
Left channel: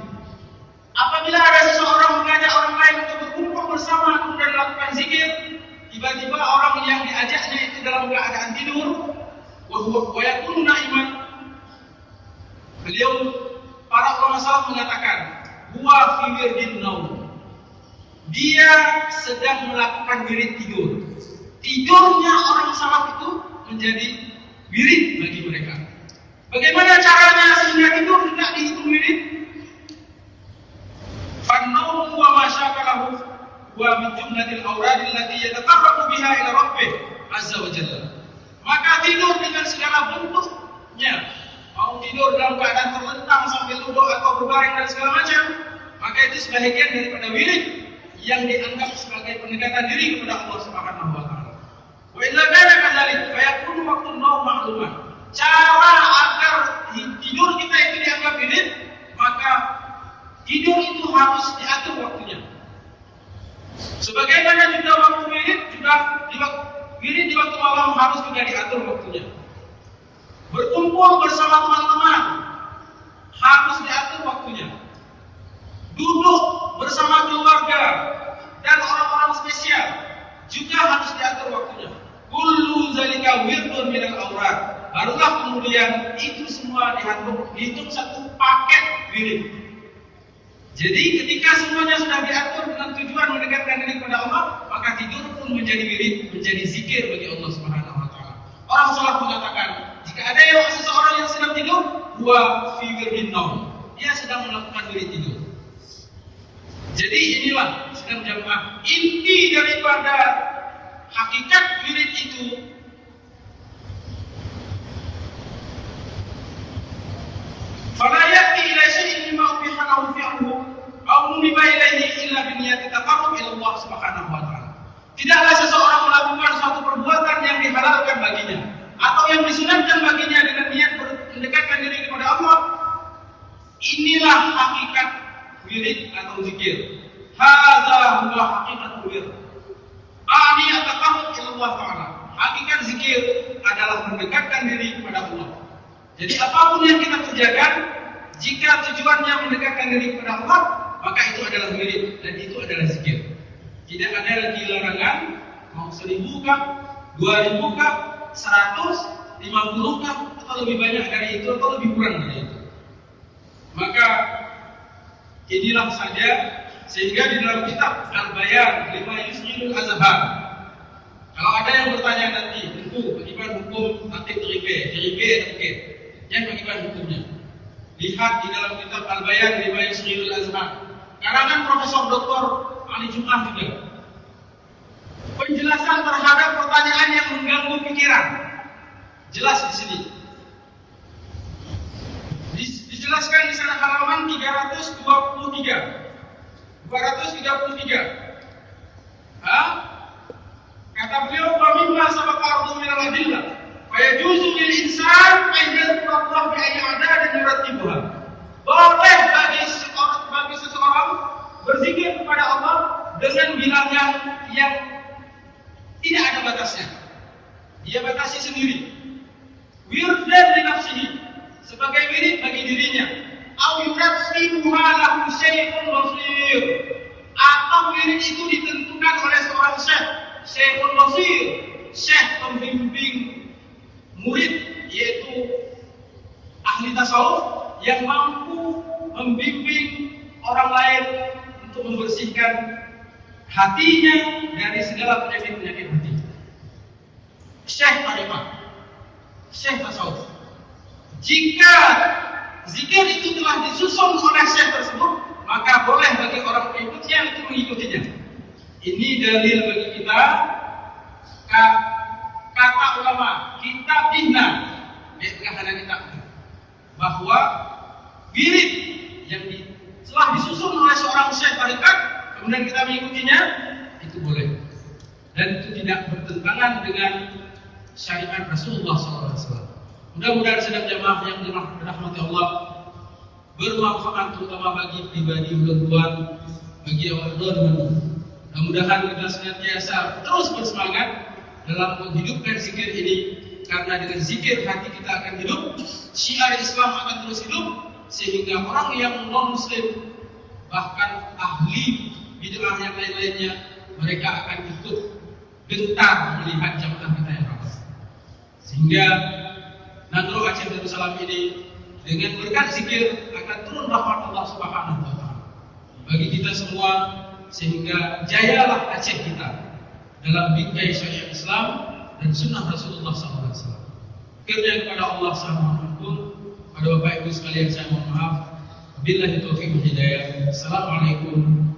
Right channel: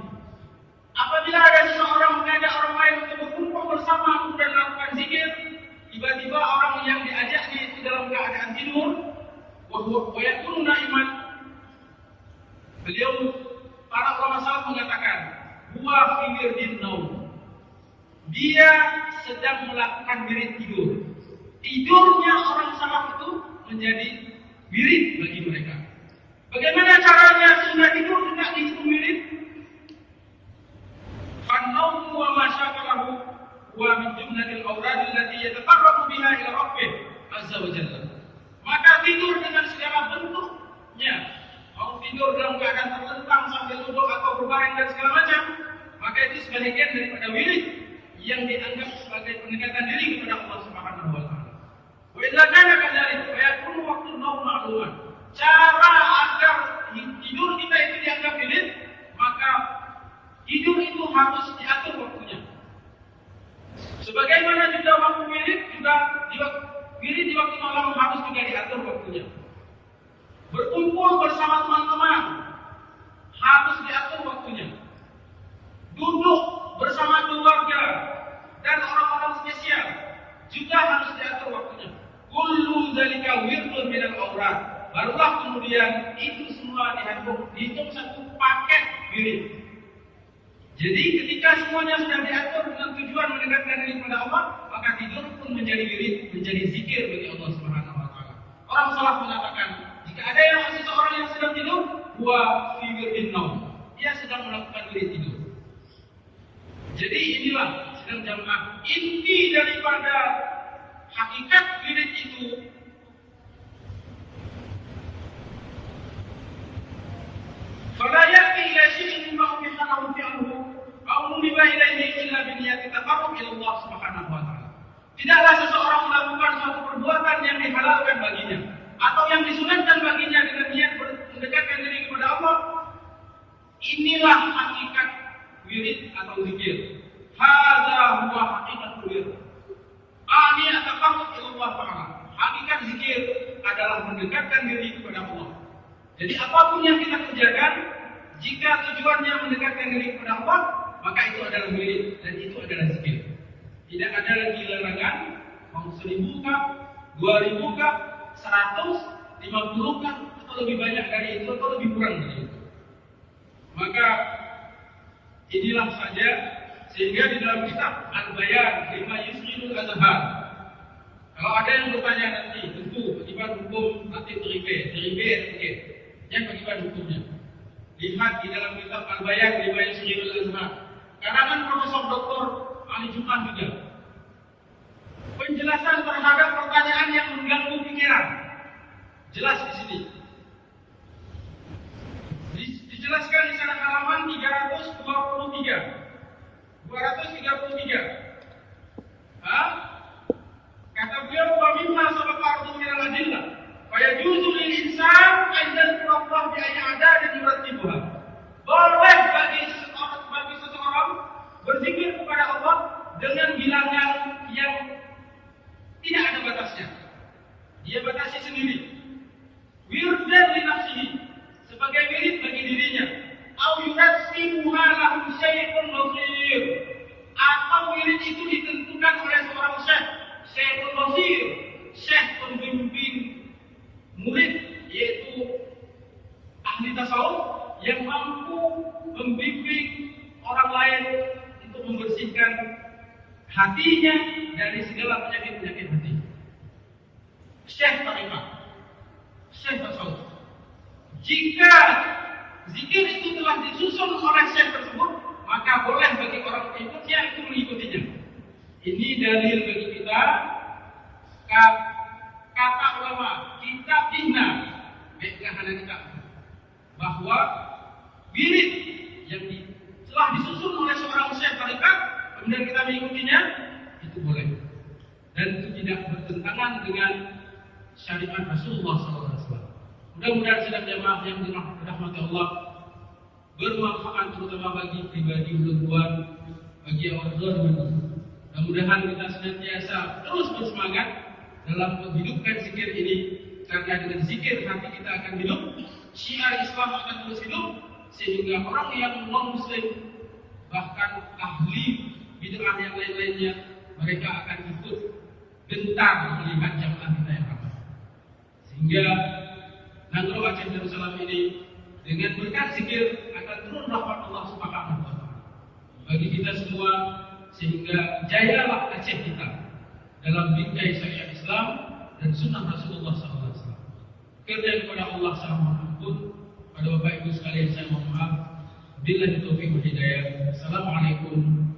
Apabila ada seseorang mengajak orang lain untuk berkumpul bersama kemudian melakukan zikir, tiba-tiba orang yang diajaknya itu dalam keadaan tidur, wa yakunu na'iman. Beliau, para ulama salaf mengatakan, huwa fi wirdin naum. Dia sedang melakukan wirid tidur. Tidurnya orang salaf itu menjadi wirid bagi mereka. Bagaimana caranya sehingga tidur tidak dihitung wirid? Fan-nawmu wa ma syakalahu wa min jumlatil awrad allati yataqarrabu biha ila rabbih azza wa jalla. Maka tidur dengan segala bentuknya, mau tidur dalam keadaan terlentang sambil duduk atau berbaring dan segala macam, maka itu sebagian daripada wirid yang dianggap sebagai pendekatan diri kepada Allah Subhanahu wa taala. Wa illa kana kadzalik fa yakunu waqtun naum ma'luman. Cara agar tidur kita itu dianggap wirid, maka tidur itu harus diatur waktunya. Sebagaimana juga waktu wirid di waktu malam harus juga diatur waktunya. Berkumpul bersama teman-teman harus diatur waktunya. Duduk bersama keluarga dan orang-orang spesial juga harus diatur waktunya. Kullu zalika wirdun minal awrad. Barulah kemudian itu semua dihitung satu paket wirid. Jadi ketika semuanya sudah diatur dengan tujuan mendekatkan diri kepada Allah, maka tidur pun menjadi wirid, menjadi zikir bagi Allah Subhanahu wa taala. Orang salaf mengatakan, jika ada seseorang yang sedang tidur, huwa fi wirdin naum. Dia sedang melakukan wirid tidur. Jadi inilah sedang jamaah inti daripada hakikat wirid itu. Fala ya'ti ila syai'in mimma ubiha lahu fi'luhu aw nuliba ilaihi illa bi niyyati taqarrub ila Allah Subhanahu wa taala. Tidaklah seseorang melakukan suatu perbuatan yang dihalalkan baginya atau yang disunatkan baginya dengan niat mendekatkan diri kepada Allah. Inilah hakikat wirid atau zikir. Hadza huwa haqiqatul wirid. Ani at-taqarrub ila Allah taala. Hakikat zikir adalah mendekatkan diri kepada Allah. Jadi apapun yang kita kerjakan, jika tujuannya mendekatkan diri kepada Allah, maka itu adalah wirid dan itu adalah zikir. Tidak ada lagi larangan, mau 1000 kah, 2000 kah, 100, 50 kah, atau lebih banyak dari itu atau lebih kurang dari itu. Maka inilah saja, sehingga di dalam kitab Al-Bayan lima yusmilul azhar, kalau ada yang bertanya nanti, tentu bagaimana hukum aktif teribé, yang bagaimana hukumnya? Lihat di dalam kitab Al-Bayan lima yusmilul azhar, karangan Profesor Dr. Ali Jum'ah juga. Penjelasan terhadap pertanyaan yang mengganggu pikiran. Jelas di sini. Dijelaskan di sana halaman 323. Kata beliau, "Wa mimma sabaqa ardu min al-adillah, fa yajuzu lil insan an yadhkura Allah bi ayyi adadin yurattibuha." Boleh bagi seseorang berzikir kepada Allah dengan bilangan yang tidak ada batasnya. Dia batasi sendiri. Wirdan li nafsihi, sebagai wirid bagi dirinya. Au yurasibuha lahu syaikhun basir, atau wirid itu ditentukan oleh seorang syekh, syekhun basir, syekh pembimbing murid, yaitu ahli tasawuf yang mampu membimbing orang lain untuk membersihkan hatinya dari segala penyakit-penyakit hati. Syekh tariqah, syekh tasawuf. Jika zikir itu telah disusun oleh syekh tersebut, maka boleh bagi orang pengikutnya untuk mengikutinya. Ini dalil bagi kita, kata ulama, kitab Dihna, bahwa wirid yang telah disusun oleh seorang syekh tariqat, kemudian kita mengikutinya, itu boleh. Dan itu tidak bertentangan dengan syariat Rasulullah SAW. Mudah-mudahan sedang jamaah yang dirahmati Allah bermanfaat, terutama bagi pribadi mudah-mudahan bagi awal dan mudah-mudahan kita senantiasa terus bersemangat dalam menghidupkan zikir ini, karena dengan zikir hati kita akan hidup, syiar Islam akan terus hidup, sehingga orang yang non-muslim bahkan ahli bid'ah yang lain-lainnya, mereka akan ikut gentar melihat jamaah kita yang ramai. Sehingga Nadro Aceh Darussalam ini dengan berkat zikir akan turun rahmat Allah Subhanahu wa taala bagi kita semua, sehingga jayalah Aceh kita dalam bingkai syariat Islam dan sunnah Rasulullah SAW. Kiranya kepada Allah SWT, pada Bapak Ibu sekalian saya mohon maaf. Billahi taufiq wal hidayah. Assalamualaikum